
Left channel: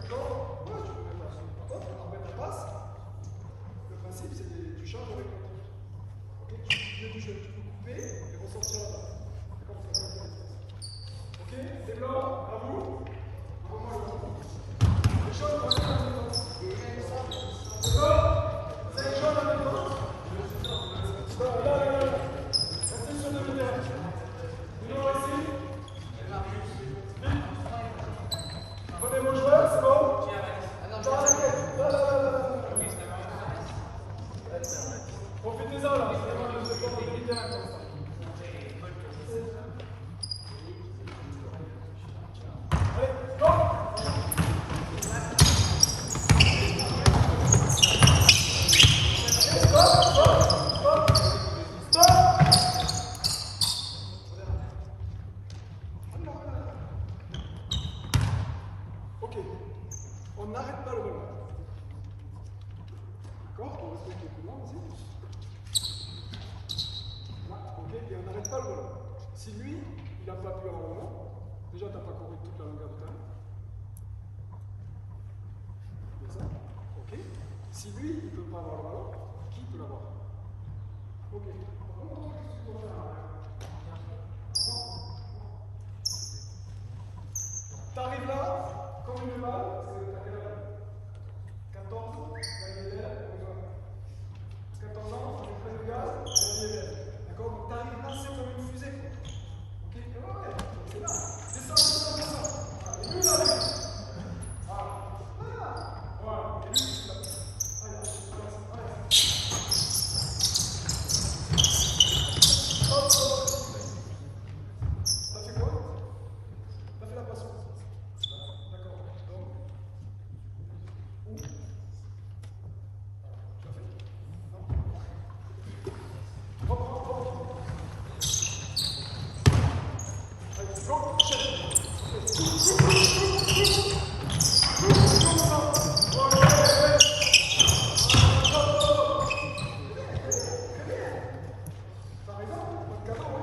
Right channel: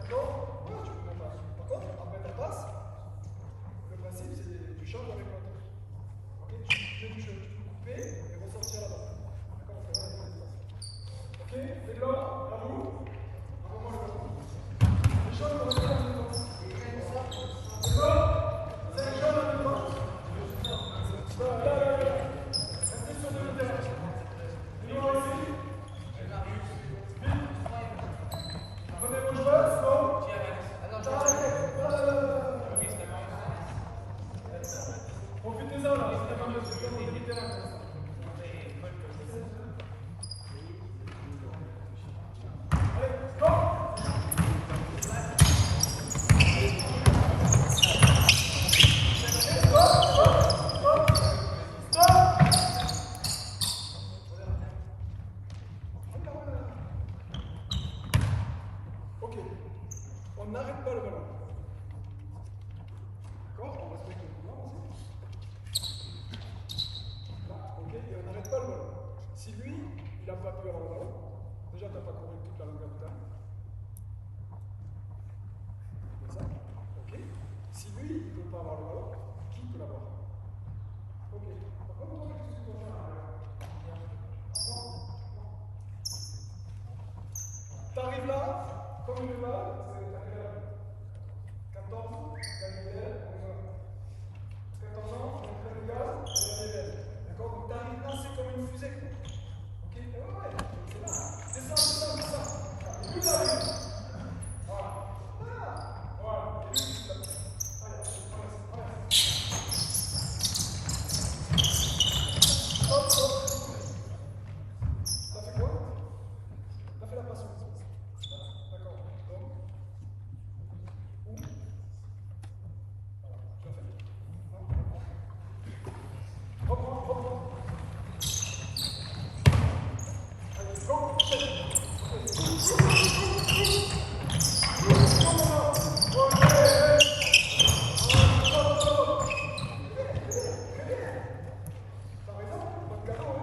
D'accord. Ouais, tu peux le faire. Par contre, quand tu remets ta passe, le principe c'est que tu charges avec la touche. Ok. Tu mets du jeu, tu peux couper et ressortir là-bas. D'accord. C'est là, ok. Et là, à vous. On va prendre le temps. Les choses vont être en même temps. D'accord. C'est les choses en même temps. Là. Restez sur 2 minutes. Une autre ici. Prenez vos joueurs, c'est bon. Profitez-en là, allez, go. Ok, on n'arrête pas le ballon. D'accord. On respecte les couleurs aussi. Là, ok, et on n'arrête pas le ballon. Si lui, il n'a pas pu avoir le ballon, déjà tu n'as pas couru toute la longueur du terrain. C'est ça. Ok. Si lui, il ne peut pas avoir le ballon, qui peut l'avoir? Ok. Par contre, qu'est-ce que tu dois faire là? T'arrives là, comme une balle, c'est à quel âge? 14, la IDL, 14 ans, on fait le gaz, la IDL. D'accord. Donc t'arrives là, c'est comme une fusée. Ok. Ouais, c'est là. C'est ça. Et lui, il arrive. Voilà. Et lui, il arrive. T'as fait quoi? T'as fait la passion. D'accord. Donc, où? T'as fait? Non. Reprends. Allez, go, chef. T'as raison, donc cadeau,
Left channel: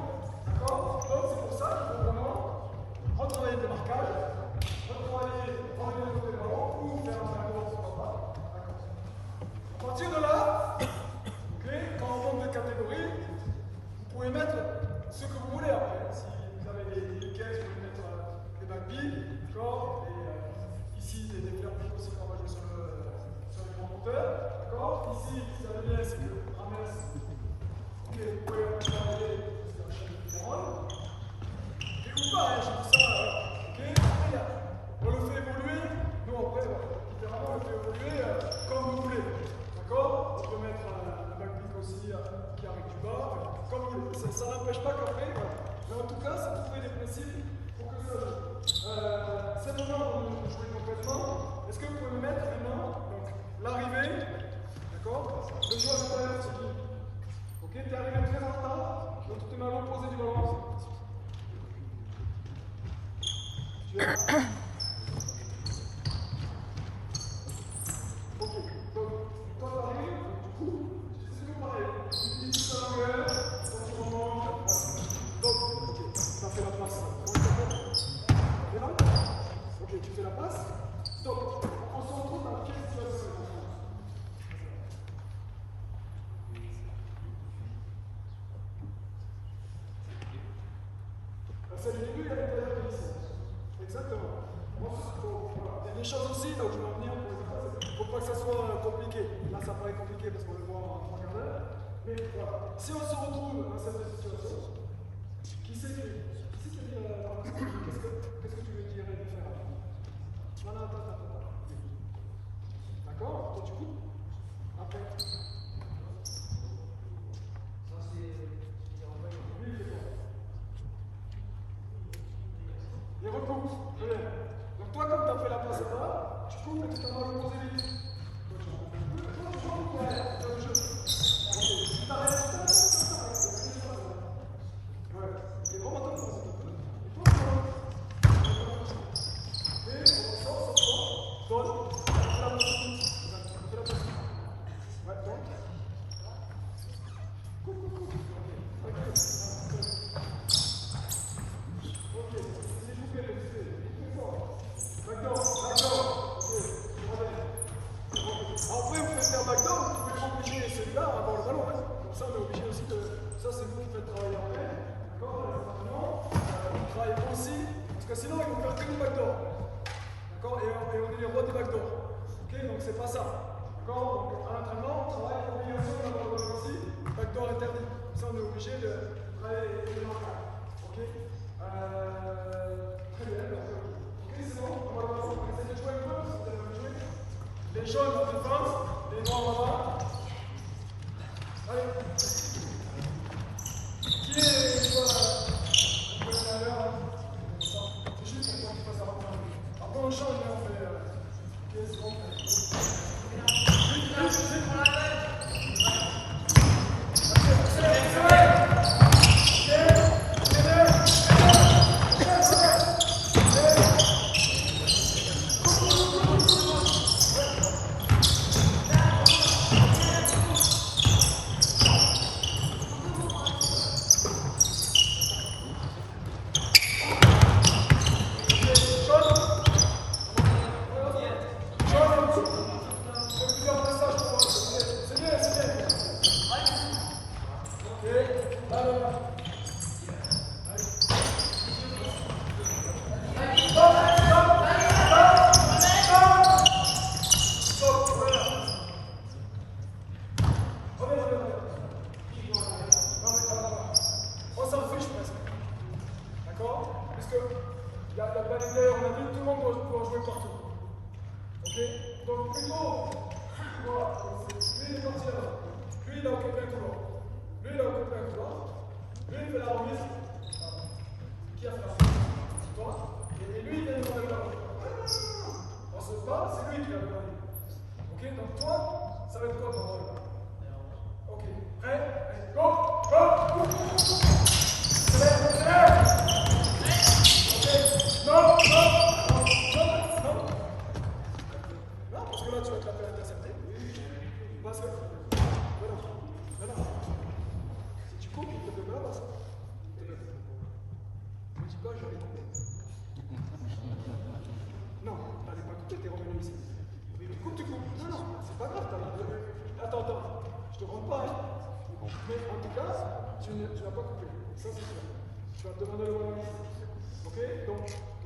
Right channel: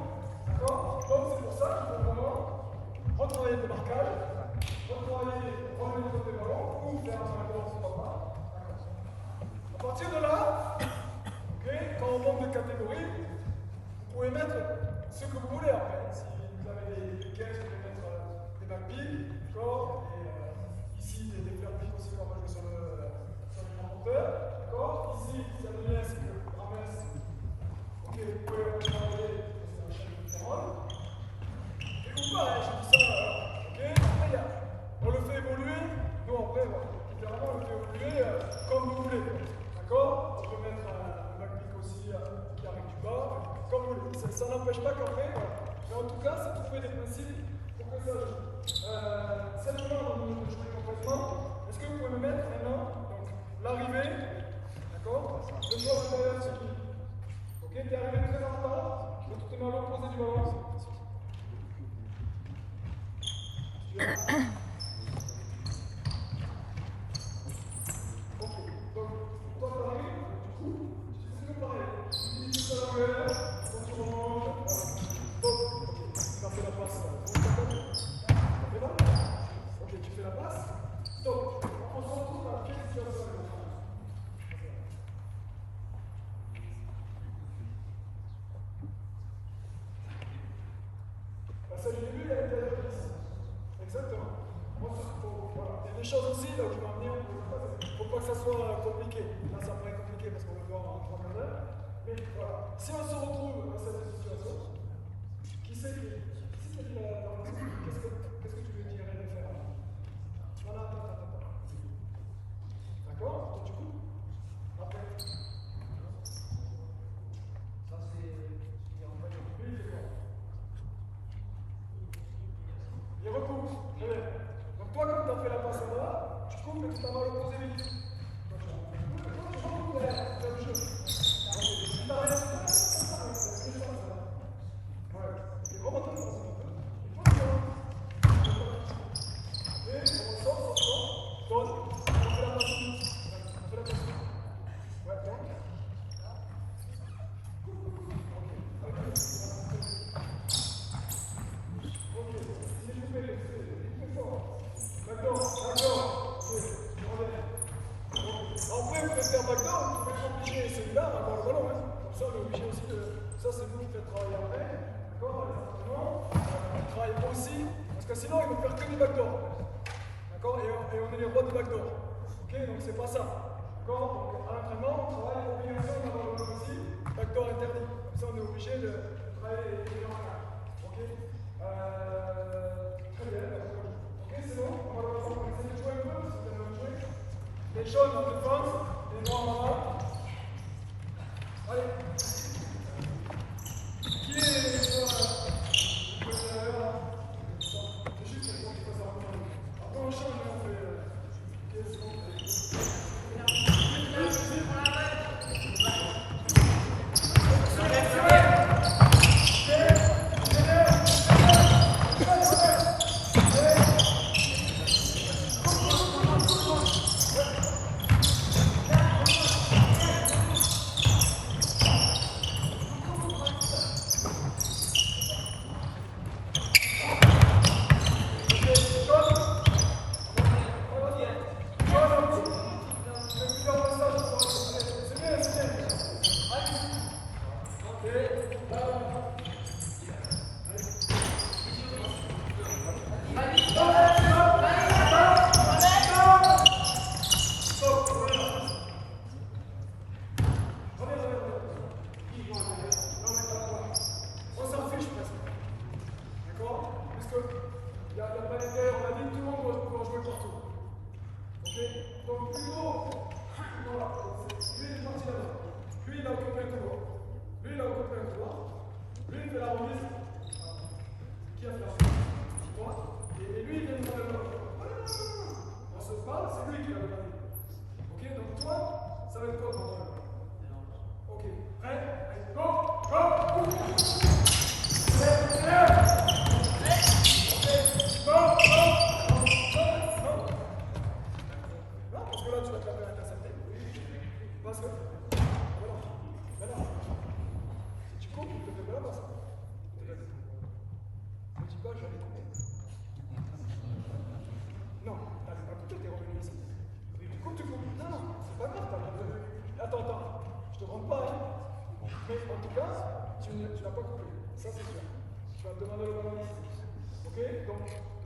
d'accord. Donc c'est pour ça qu'il faut vraiment retravailler tes marquages, retravailler, revenir sur tes ballons, ou faire un backdoor sur ton bras. D'accord. À partir de là, okay, quand on monte de catégorie, vous pouvez mettre ce que vous voulez après. Si vous avez des piquets, vous pouvez mettre des backpills, d'accord. Et ici, des flappings aussi qu'on va jouer sur le grand moteur, d'accord. Ici, vous avez bien, c'est que ramesse. Ok, vous pouvez travailler sur le chef différent. Et ou pas, je dis ça, ok. Après, on le fait évoluer. Nous, après, littéralement, on le fait évoluer comme vous voulez. D'accord. On peut mettre un backpick aussi qui arrive du bas, comme vous voulez. Ça n'empêche pas qu'après, voilà. Mais en tout cas, ça trouver des principes pour que ça joue. Cette fois, on va jouer complètement. Est-ce que vous pouvez me mettre maintenant l'arrivée, d'accord. Le joueur supérieur, c'est qui? Ok, t'es arrivé très en retard, donc tu te mets à l'opposé du ballon. Ok, donc toi t'arrives, du coup, c'est tout pareil. Tu dis tout à l'envers, quand tu remontes, voilà. Donc, ok, t'as fait la passe là. Comment ça s'appelle? T'es là? Ok, tu fais la passe. Stop. On se retrouve dans quelle situation? C'est le début, il y a l'intérieur de l'ici. Exactement. Moi, voilà. Il y a des choses aussi, là où je vais en venir, il ne faut pas que ça soit compliqué. Là, ça paraît compliqué parce qu'on le voit en 3 quarts d'heure. Mais voilà. Si on se retrouve dans cette situation, qui c'est qui c'est dit qu'est-ce que tu veux dire de faire? Non, non, attends. D'accord? Toi, tu coupes? Après. Ça, c'est. Oui, c'est bon. Et recoupe. Très bien. Donc, toi, comme tu as fait la passe là, tu coupes et tu t'en vas l'opposé vite. Toi, tu recoupes derrière. Fais le jeu. Ok. Tu t'arrêtes. Ouais. Ok, remonte un peu. Et toi, tu remontes. Et on sort. Donne. On fait la passe. Ouais, donc. Coupe. Ok. Il est coupé. D'accord. Après, vous pouvez faire backdoor, vous pouvez obliger celui-là à avoir le ballon. Hein. Comme ça, on est obligé aussi de. Ça, c'est vous qui faites travailler en main. D'accord? Maintenant, on travaille aussi. Parce que sinon, ils vont faire que du backdoor. D'accord? Et on est les rois du backdoor. Ok? Donc, c'est pas ça. D'accord? Donc, à l'entraînement, on travaille combinaison d'avoir le ballon aussi. Backdoor interdit. Comme ça, on est obligé de travailler les marquages. Ok? Très bien. Ok, c'est bon? On va essayer de jouer un peu. Si vous avez joué. Les jaunes en défense, les noirs en bas. Allez. Qui est les joueurs c'est juste pour qu'on fasse un peu. Après, on change, on fait. Qui est ce qu'on fait?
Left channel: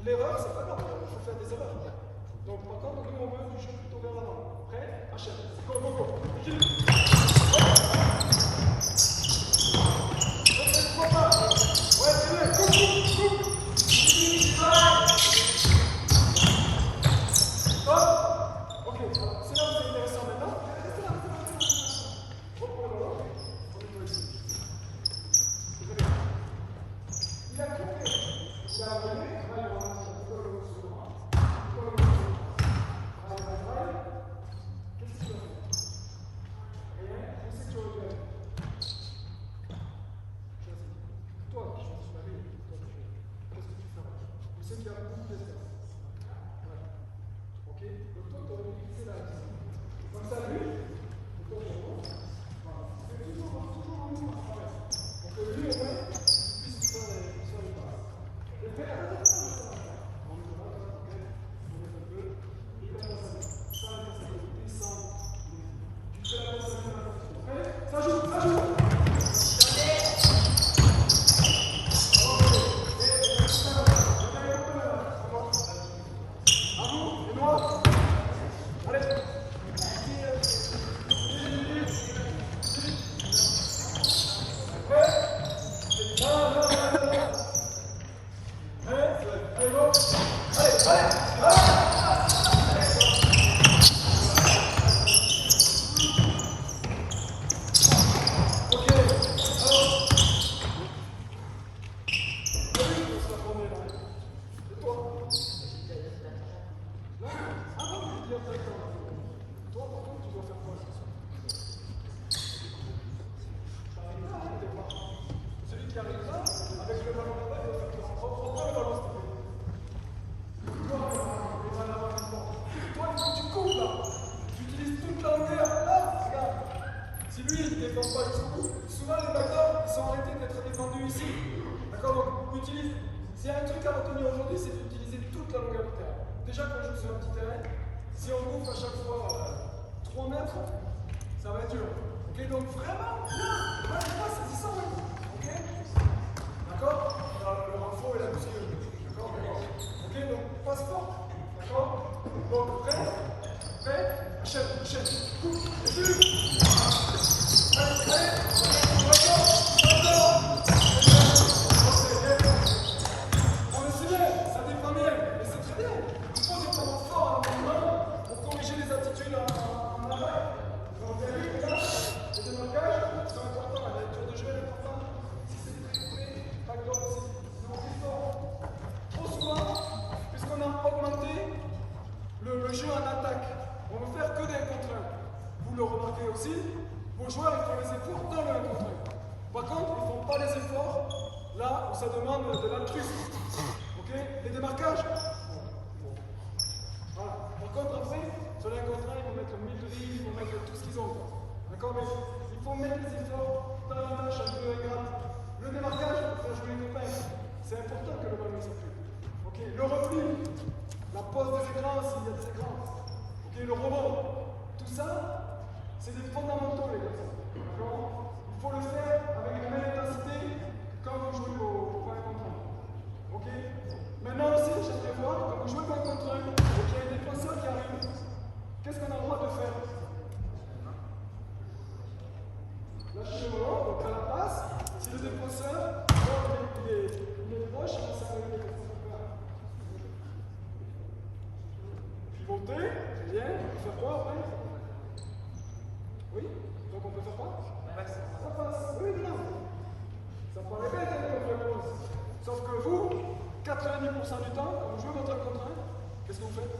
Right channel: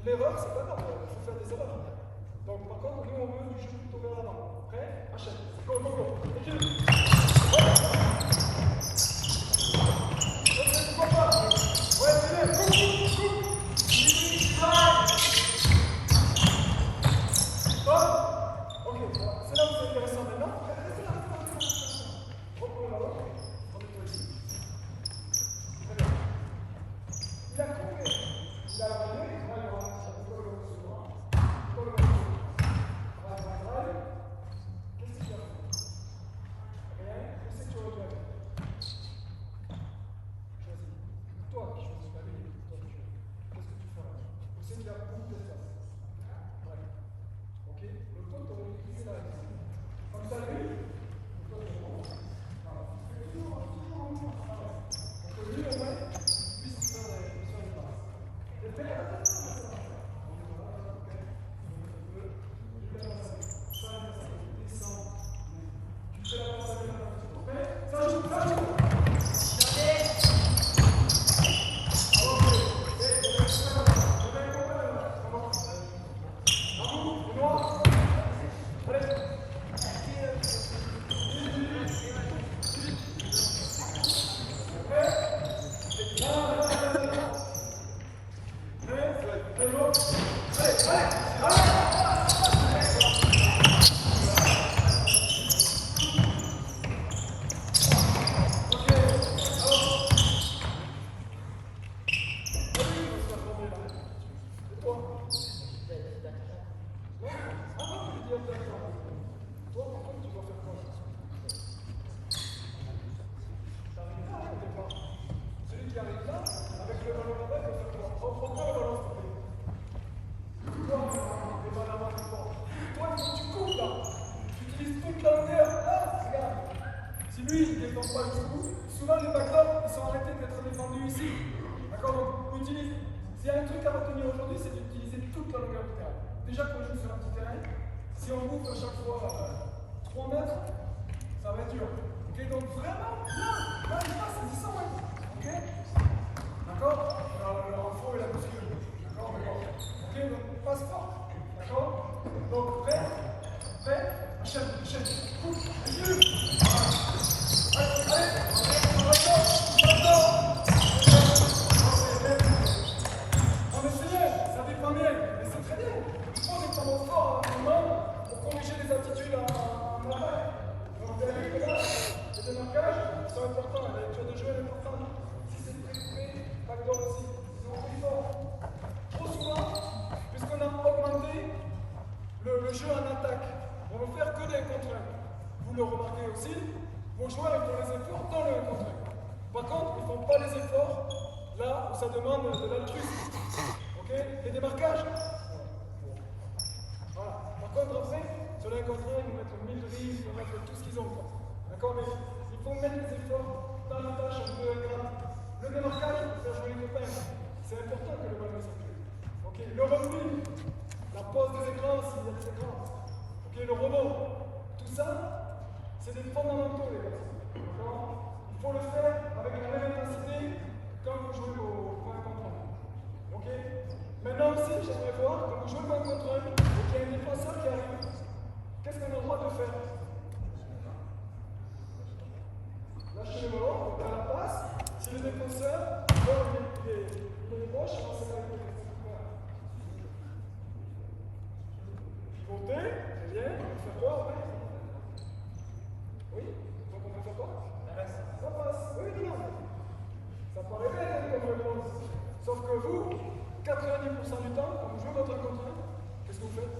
L'erreur, c'est pas grave, il faut faire des erreurs. Donc, par contre, nous, on veut du jeu plutôt vers l'avant. Prêt? Achète. Go. Continue. Ouais, coupe. Stop. Ok, alors, c'est là où c'est intéressant maintenant. Restez là. Reprends le ballon. Remets-toi ici. Très bien. Il a coupé. Il a levé. Qu'est-ce que tu as fait? Rien? Où c'est que tu regardes? Choisis. Toi qui choisis la ligne. Qu'est-ce que tu feras? Où c'est qu'il y a beaucoup d'espace? Ouais. Ok? Donc toi, tu aurais utilisé la ligne. Comme ça, lui, et toi, tu remontes. Voilà. Et toujours. Donc lui, au moins, puisse faire les passes. Et fais ça joue. À vous, le noir. Allez. Allez, bon. Toi, par contre, tu dois faire quoi? Celui qui arrive là, avec le ballon de balle, il doit faire quoi? Reprends-toi le ballon, s'il te plaît. Toi, il faut que tu coupes là. Tu utilises toute la hauteur. Là, regarde. Si lui, il ne défend pas le coup, souvent les backers, ils sont arrêtés d'être défendus ici. D'accord? Donc, utilise. S'il y a un truc à retenir aujourd'hui, c'est d'utiliser toute la longueur du terrain. Déjà, quand je joue sur un petit terrain, si on bouffe à chaque fois 3 mètres, ça va être dur. Ok, donc vraiment, là, saisissant, oui. Ok? D'accord? Alors, faux et la bouscule. D'accord? Ok, donc passe fort. D'accord? Donc, prêt? Enchaîne, coupe, dessus. Allez, non mais c'est bien, ça dépend bien, mais c'est très bien. Il faut des moments forts à l'entraînement pour corriger les attitudes en attaque. Donc, les démarcages, c'est important, la lecture de jeu est importante. Si c'est très pas de goal aussi. Donc, il faut, trop souvent, puisqu'on a augmenté le jeu en attaque, on ne veut faire que des 1 contre 1. Vous le remarquez aussi, vos joueurs ils font les efforts dans le 1 contre 1. Par contre, ils ne font pas les efforts là où ça demande de l'altruisme. Ok? Les démarquages. Voilà. Par contre, après, sur les 1 contre 1, ils vont mettre 1000 de ligne, ils vont mettre tout ce qu'ils ont. D'accord? Mais il faut mettre les efforts dans les tâches un peu ingrates. Le démarquage, pour faire jouer les copains, c'est important que le ballon circule. Ok? Le repli, la pose des écrans s'il y a des écrans. Ok? Le rebond, tout ça, c'est des fondamentaux, les gars. D'accord? Il faut le faire avec la même intensité quand vous jouez au 1 contre 1. Ok? Maintenant aussi, j'aimerais voir, quand vous jouez au 1 contre 1 et qu'il y a un défenseur qui arrive, qu'est-ce qu'on a le droit de faire? Lâchez le ballon, donc à la passe, si le défenseur, il est proche, on sait avec le défenseur. Pivoter, très bien, on peut faire quoi après? Oui? Donc on peut faire quoi? Ça passe. Oui, non. Ça paraît bête comme réponse. Sauf que vous, 90% du temps, quand vous jouez votre 1 contre 1, qu'est-ce que vous faites?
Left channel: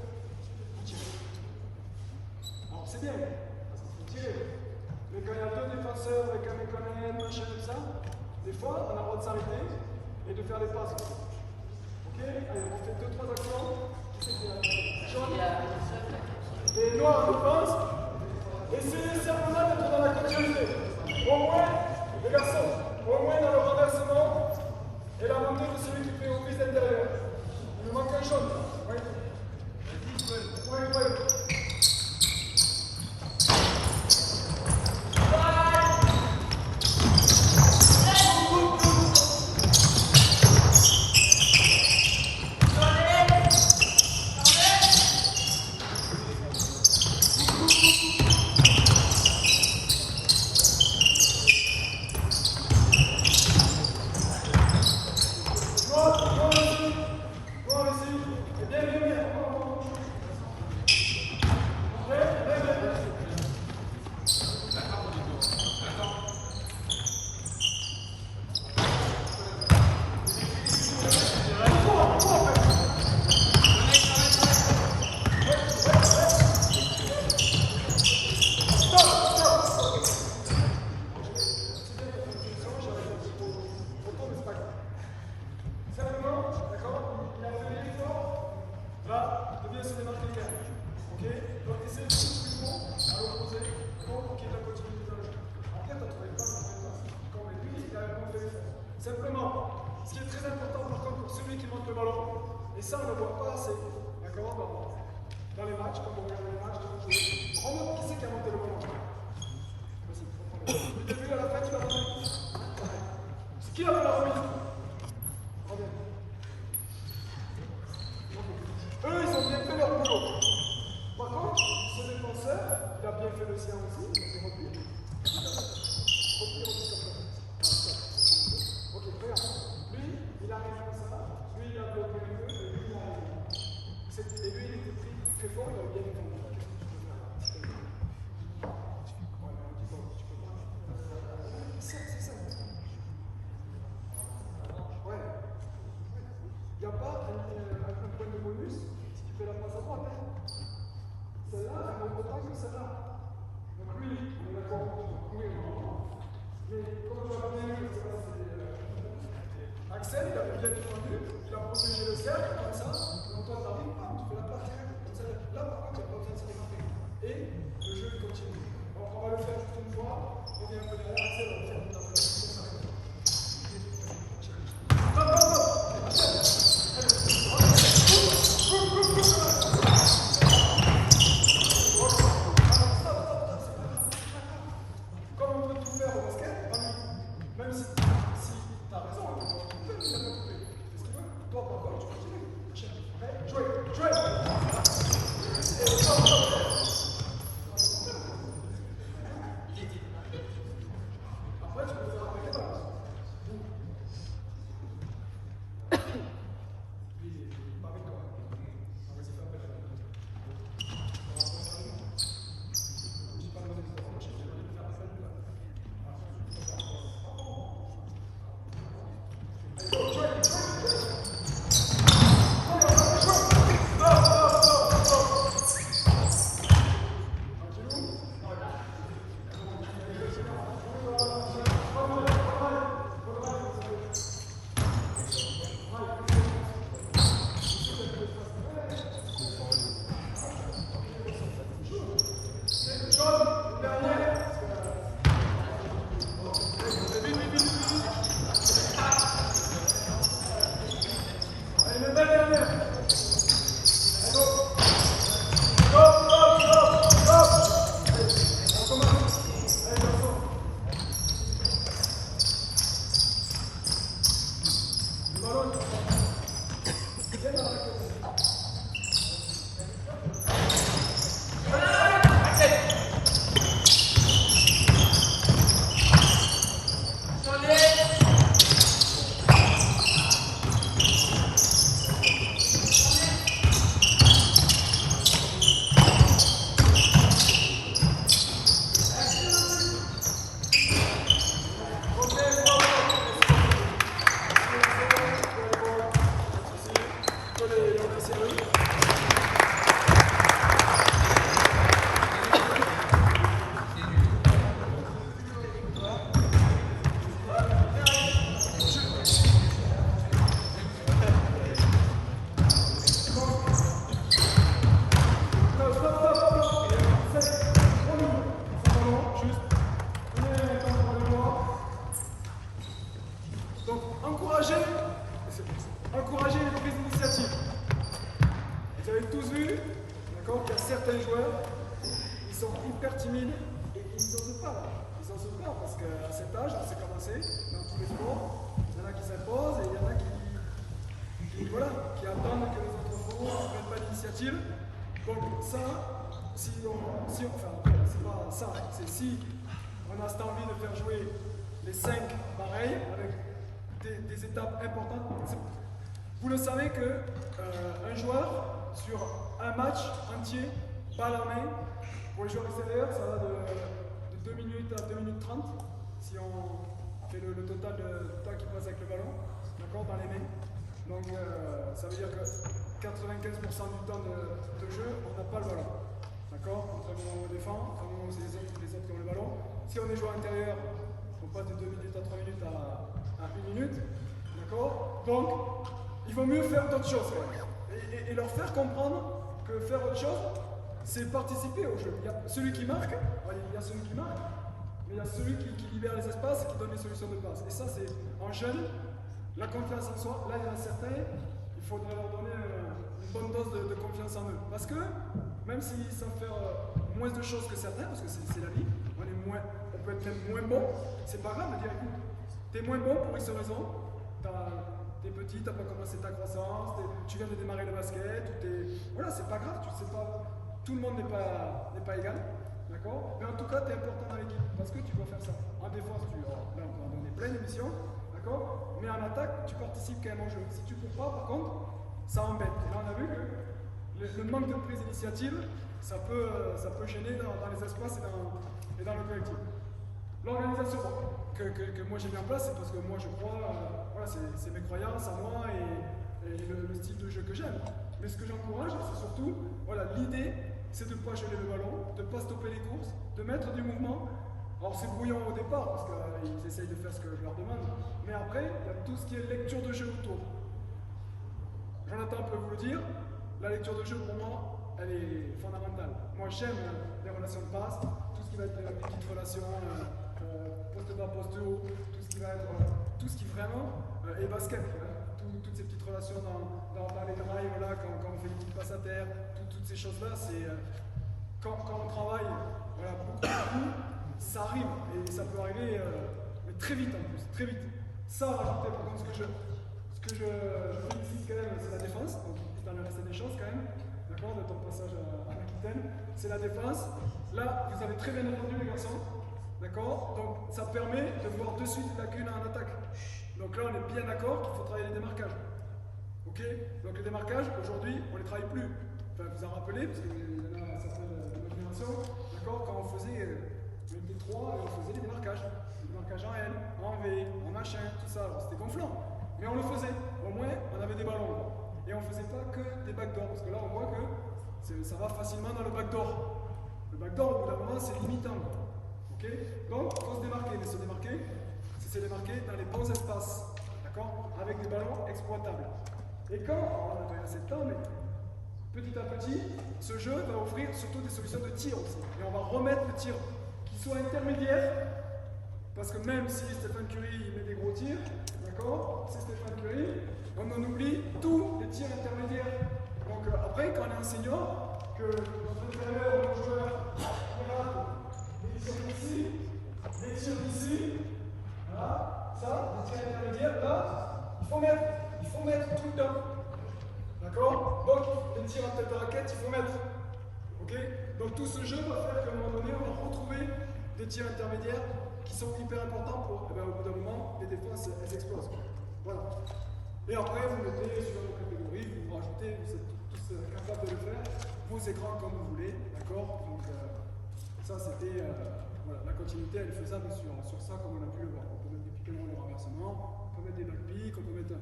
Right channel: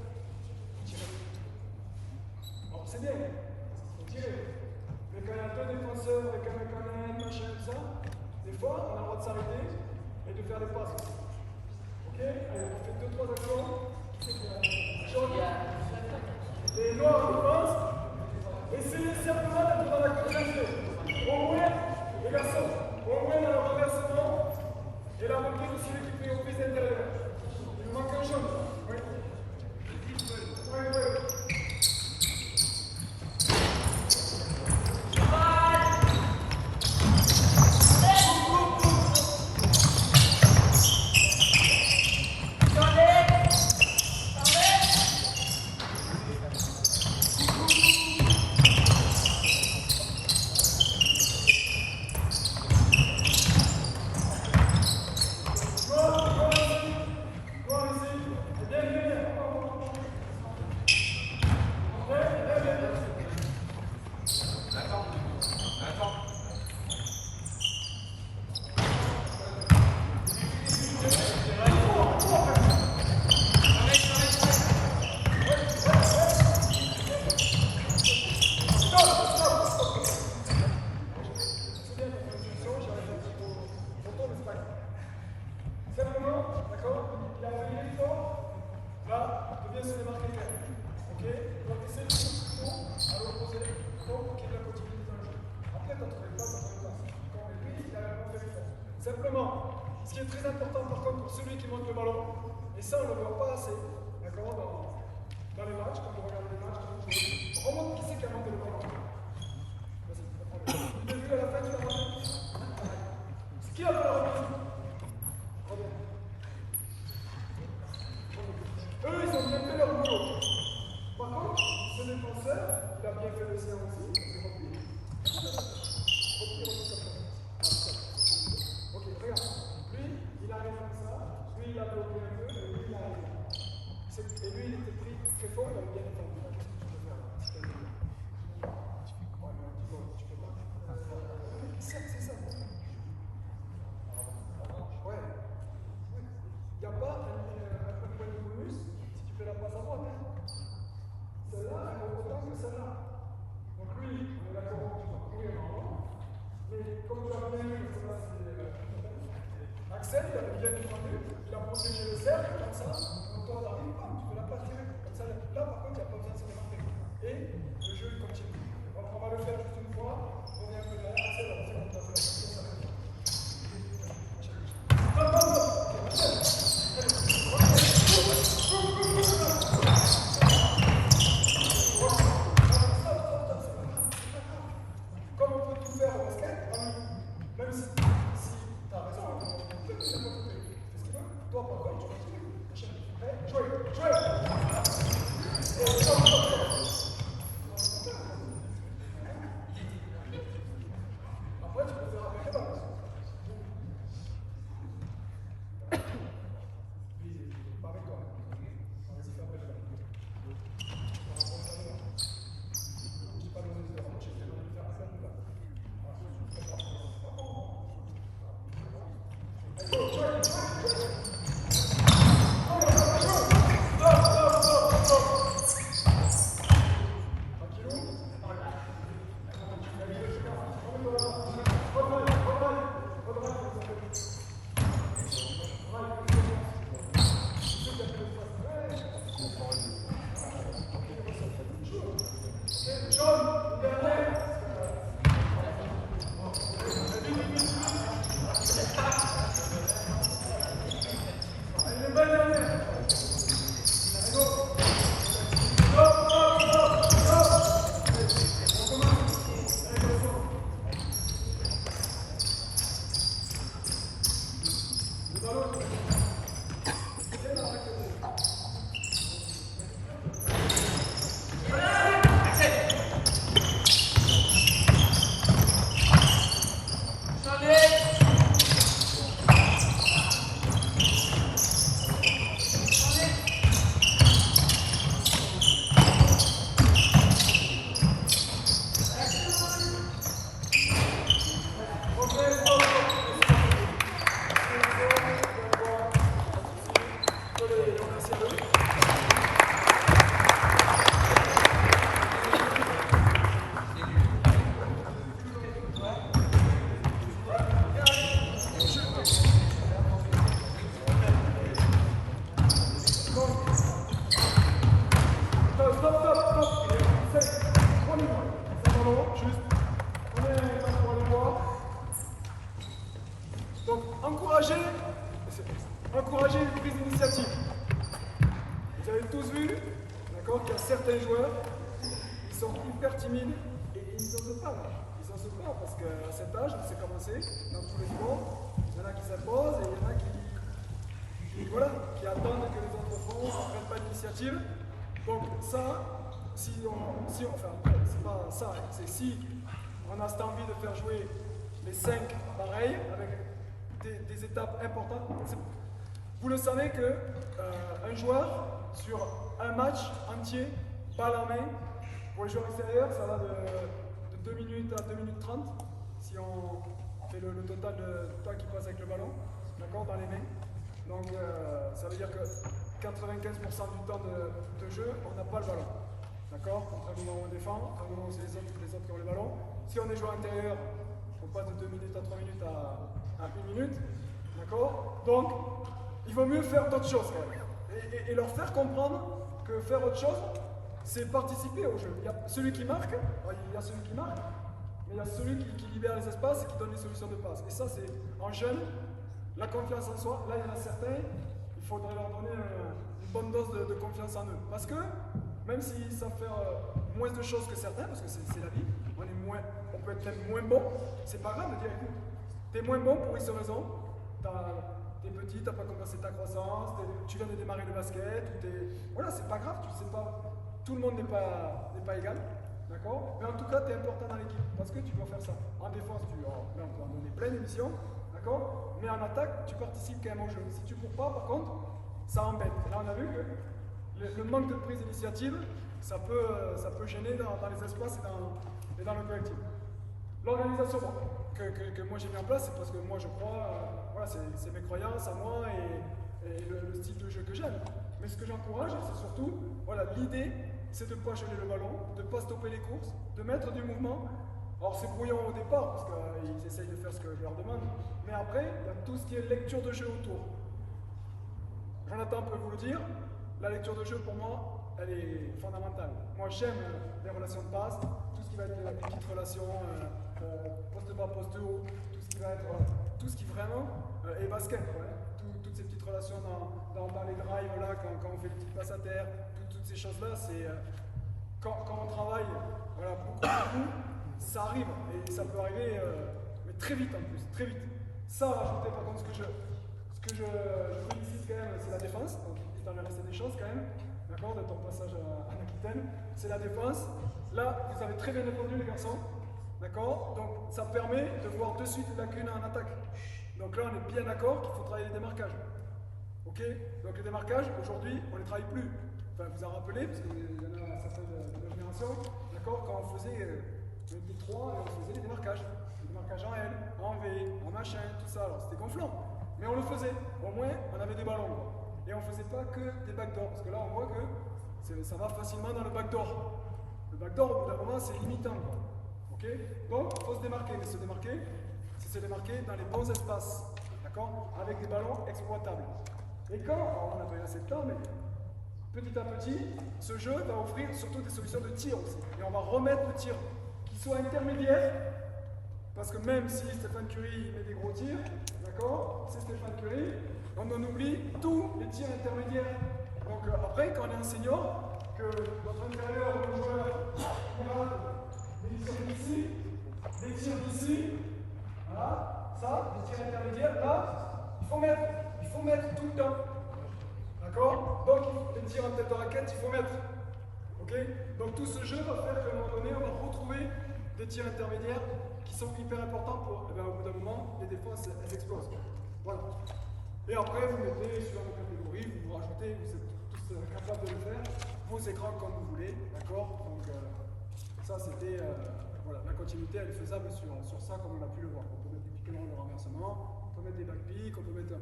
Vous tirez. Alors c'est bien, vous tirez. Mais quand il y a 2 défenseurs avec un mécanisme, machin et tout ça, des fois, on a le droit de s'arrêter et de faire des passes. Ok? Allez, on fait 2-3 actions. Qui c'est qui a? Jaune. Et noir, défense. Essayez simplement d'être dans la continuité. Au moins, les garçons, au moins dans le renversement et la montée de celui qui fait office intérieur. Il nous manque un jaune. Oui. Oui. Simplement, ce qui est très important par contre pour celui qui monte le ballon, et ça on ne le voit pas assez, d'accord, dans les matchs, quand vous regardez les matchs, quand vous jouez, remonte qui c'est qui a monté le ballon. Vas-y, reprends-le. Du début à la fin, tu l'as remis. C'est qui a fait la remise? Reviens. Eux, ils ont bien fait leur boulot. Par contre, ce défenseur, il a bien fait le sien aussi, il replie. Replie comme ça. Ok, regarde. Lui, il arrive comme ça. Lui, il a bloqué un peu. Et lui, il était très fort, il avait bien défendu. Qu'est-ce que tu peux faire là? Ouais, mais on dit bon, tu peux pas. C'est ça. Ouais. Il n'y a pas un point de bonus si tu fais la passe à droite. Celle-là, elle vaut autant que celle-là. Donc lui, on est d'accord, tu vas courir normalement. Mais comme tu as bien vu que celle-là, c'est Axel, il avait bien défendu, il a protégé le cercle, comme ça, quand toi t'arrives, tu fais la passe directe, comme ça. Là, par contre, il n'y a pas besoin de se démarquer. Et le jeu, il continue. Donc on va le faire juste une fois, on revient un peu derrière, Axel, on va faire une passe. Comme on peut tout faire au basket, même si tu as raison, on peut tout faire. Toi, par contre, tu continues. Prêt? Jouez! Après, tu peux faire avec les balles. Pas avec toi. On va essayer de faire avec les balles. Je n'ai pas demandé de faire un j'ai demandé de faire un seul là. Donc, encourager les prises d'initiative. Vous avez tous vu, d'accord, qu'il y a certains joueurs, ils sont hyper timides et ils n'osent pas là. Ils n'osent pas parce qu'à cet âge, on sait commencer dans tous les sports. Il y en a qui s'imposent et il y en a qui attendent que les autres font, ne prennent pas d'initiative. Donc ça, après, c'est pas ça, hein, c'est si on a cette envie de faire jouer les 5 pareils avec des étapes importantes. Vous le savez que un joueur sur un match entier, balle en main, pour les joueurs extérieurs, ça va de 2 minutes à 2 minutes 30 si on fait le total de temps qu'il passe avec le ballon, d'accord, dans les mains. Donc ça veut dire que 95% du temps de jeu, on n'a pas le ballon. D'accord? Entre le moment où on défend, entre le moment où c'est les autres qui ont le ballon. Si on est joueur intérieur, on passe de 2 minutes à 3 minutes à 1 minute. D'accord? Donc, il vaut mieux faire d'autres choses quand même. Et leur faire comprendre que faire autre chose, c'est participer au jeu. Il y a celui qui marque, il y a celui qui marque, mais il y a celui qui libère les espaces et qui donne les solutions de passe. Et ça, c'est en jeune, la confiance en soi. Là, il y en a certains, il faudrait leur donner une bonne dose de confiance en eux. Parce que, même s'ils savent faire moins de choses que certains, parce que c'est la vie, on peut être même moins bon, c'est pas grave de dire, écoute, t'es moins bon pour X raison, t'es petit, t'as pas commencé ta croissance, tu viens de démarrer le basket, voilà, c'est pas grave, tu sais pas, tout le monde n'est pas égal, d'accord? Mais en tout cas, t'es important dans l'équipe, parce que tu dois faire ça. En défense, là on peut en donner plein d'émissions, d'accord? Mais en attaque, tu participes quand même au jeu. Si tu cours pas, par contre, ça embête. Et là, on a vu que le manque de prise d'initiative, ça peut gêner dans les espaces et dans le collectif. L'organisation que moi j'ai mis en place, c'est parce que moi je crois, voilà, c'est mes croyances à moi et le style de jeu que j'aime. Mais ce que j'encourage, c'est surtout, voilà, l'idée, c'est de ne pas geler le ballon, de ne pas stopper les courses, de mettre du mouvement. Alors c'est brouillon au départ, parce qu'ils essayent de faire ce que je leur demande, mais après, il y a tout ce qui est lecture de jeu autour. Jonathan peut vous le dire, la lecture de jeu pour moi, elle est fondamentale. Moi j'aime les relations de passe, tout ce qui va être les petites relations, poste bas, poste haut, tout ce qui va être, tout ce qui vraiment est basket, ouais. Toutes ces petites relations dans les drives, là, quand on fait les petites passes à terre, toutes ces choses-là, c'est quand on travaille voilà, beaucoup, ça arrive, et ça peut arriver mais très vite en plus, très vite. Ça, rajouter par contre, ce que je félicite quand même, c'est la défense, donc il t'en est resté des choses quand même, d'accord, de ton passage à l'Aquitaine, c'est la défense. Là, vous avez très bien entendu les garçons, d'accord, donc ça permet de voir de suite les lacunes en attaque. Donc là, on est bien d'accord qu'il faut travailler les démarquages. Ok? Donc les démarquages, aujourd'hui, on ne les travaille plus. Enfin, vous en rappelez, parce qu'il y en a certains de notre génération, d'accord? Quand on faisait des 3 et on faisait les démarquages. Les démarquages en L, en V, en machin, tout ça. Alors c'était gonflant. Mais on le faisait. Au moins, on avait des ballons, quoi. Et on ne faisait pas que des backdoors. Parce que là, on voit que ça va facilement dans le backdoor. Le backdoor, au bout d'un moment, c'est limitant, quoi. Ok? Donc, il faut se démarquer. Mais se démarquer, c'est démarquer dans les bons espaces, d'accord, avec des ballons exploitables. Et quand, alors on n'a pas assez de temps, mais petit à petit, ce jeu va offrir surtout des solutions de tir aussi. Et on va remettre le tir qui soit intermédiaire, parce que même si Stéphane Curie met des gros tirs, d'accord, c'est Stéphane Curie, on en oublie tous les tirs intermédiaires. Donc après, quand on est un senior, que notre intérieur, le joueur, il rate des tirs d'ici, des tirs d'ici, voilà, ça, des tirs intermédiaires, là, il faut mettre tout le temps. D'accord? Donc, les tirs en tête de raquette, il faut mettre. Ok? Donc, tout ce jeu va faire qu'à un moment donné, on va retrouver des tirs intermédiaires qui sont hyper importants pour, eh bien, au bout d'un moment, les défenses, elles explosent. Voilà. Et après, vous mettez, suivant vos catégories, vous rajoutez, vous êtes tous capables de le faire, vos écrans comme vous voulez. D'accord? Donc, ça, c'était. Voilà, la continuité elle est faisable sur ça comme on a pu le voir. On peut mettre des pick and roll au renversement, on peut mettre des back picks, on peut mettre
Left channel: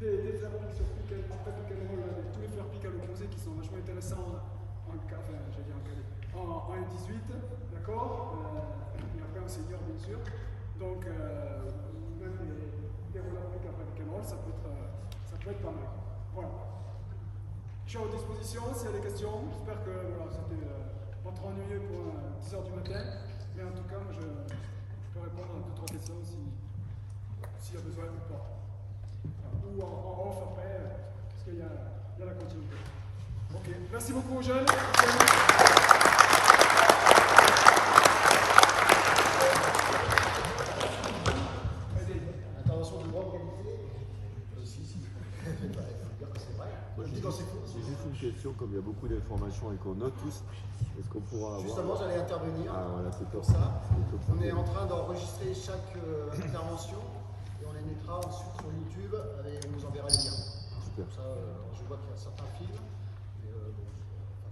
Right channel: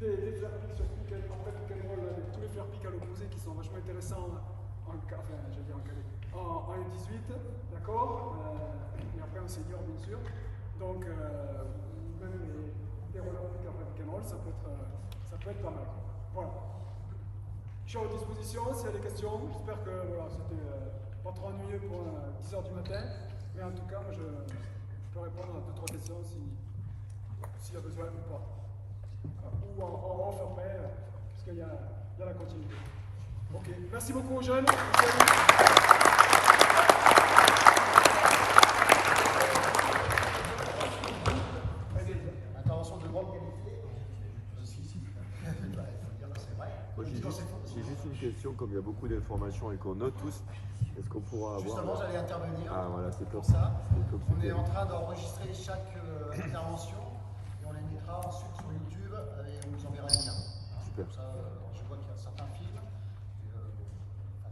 des flare picks sur pick and, après pick and roll, tous les flare picks à l'opposé qui sont vachement intéressants en 18, d'accord, et après en senior bien sûr. Donc même des roller picks après pick and roll, ça peut être pas mal. Voilà. Je suis à votre disposition s'il y a des questions. J'espère que voilà, c'était pas trop ennuyeux pour 10h du matin, mais en tout cas, moi, je peux répondre à 2-3 questions s'il y a besoin ou pas. Ou en off après, puisqu'il y a la continuité. Ok, merci beaucoup aux jeunes. Intervention de grande qualité. Si. Il faut dire que c'est vrai. C'est juste une question, comme il y a beaucoup d'informations et qu'on note tous, est-ce qu'on pourra avoir... Justement, j'allais intervenir c'est pour ça. On On est en train d'enregistrer chaque intervention et on les mettra ensuite sur YouTube et on vous enverra les liens. Comme ça, je vois qu'il y a certains films,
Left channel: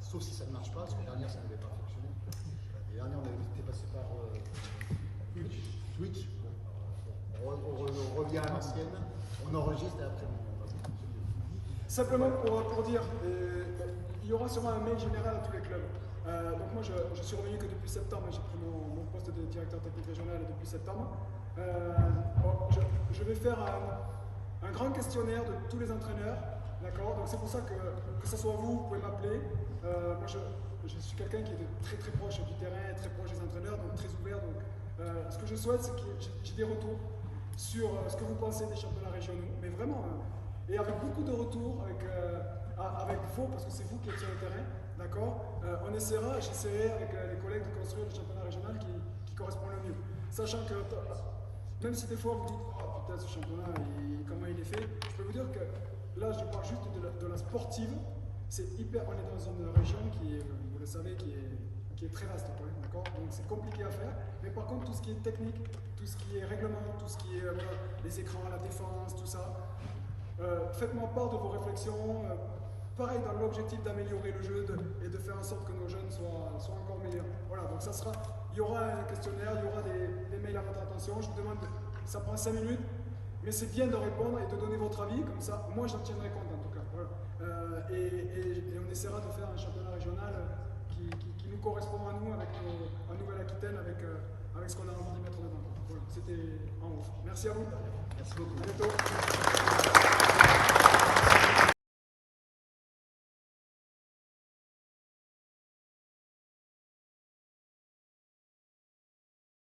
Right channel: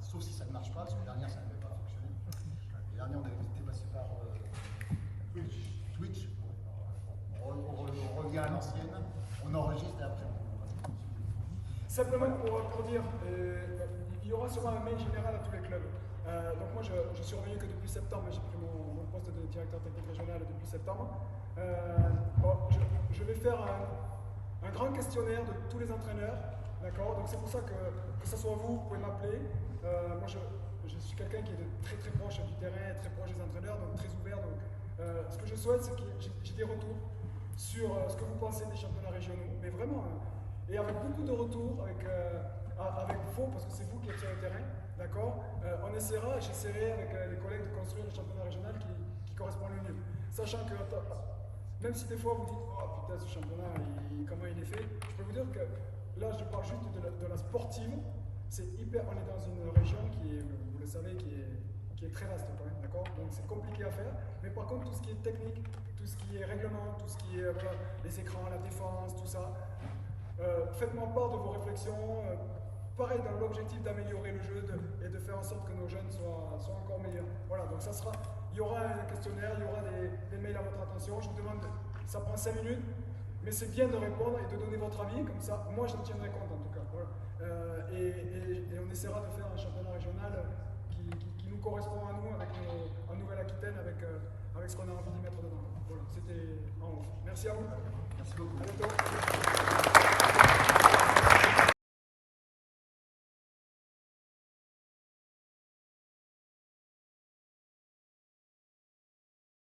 sauf si ça ne marche pas, parce que la dernière ça n'avait pas fonctionné. Les dernières on avait été passé par Twitch. On revient à l'ancienne, on enregistre et après on va. Simplement pour dire, il y aura sûrement un mail général à tous les clubs. Donc moi je suis revenu que depuis septembre, j'ai pris mon poste de directeur technique régional depuis septembre. Je vais faire un grand questionnaire de tous les entraîneurs, d'accord? Donc c'est pour ça que ce soit vous pouvez m'appeler. Moi je suis quelqu'un qui est très très proche du terrain, très proche des entraîneurs, donc très ouvert. Donc ce que je souhaite c'est que j'ai des retours sur ce que vous pensez des championnats régionaux, mais vraiment, et avec beaucoup de retours, avec vous, parce que c'est vous qui êtes sur le terrain, d'accord? J'essaierai avec les collègues de construire le championnat régional qui correspond le mieux. Sachant que, même si des fois vous dites, oh putain ce championnat, comment il est fait, je peux vous dire que là je parle juste de la sportive, c'est hyper, on est dans une région qui est, vous le savez, qui est très vaste quand même, d'accord? Donc c'est compliqué à faire, mais par contre tout ce qui est technique, tout ce qui est règlement, tout ce qui est les écrans, la défense, tout ça, faites-moi part de vos réflexions, pareil dans l'objectif d'améliorer le jeu et de faire en sorte que nos jeunes soient encore meilleurs. Voilà, donc il y aura un questionnaire, il y aura des mails à votre attention. Je vous demande, ça prend 5 minutes, mais c'est bien de répondre et de donner votre avis, comme ça, moi j'en tiendrai compte en tout cas. Voilà. Et on essaiera de faire un championnat régional qui nous correspond à nous, en Nouvelle-Aquitaine, avec ce qu'on a envie d'y mettre dedans. Voilà, c'était en haut. Merci à vous. Merci beaucoup. À bientôt.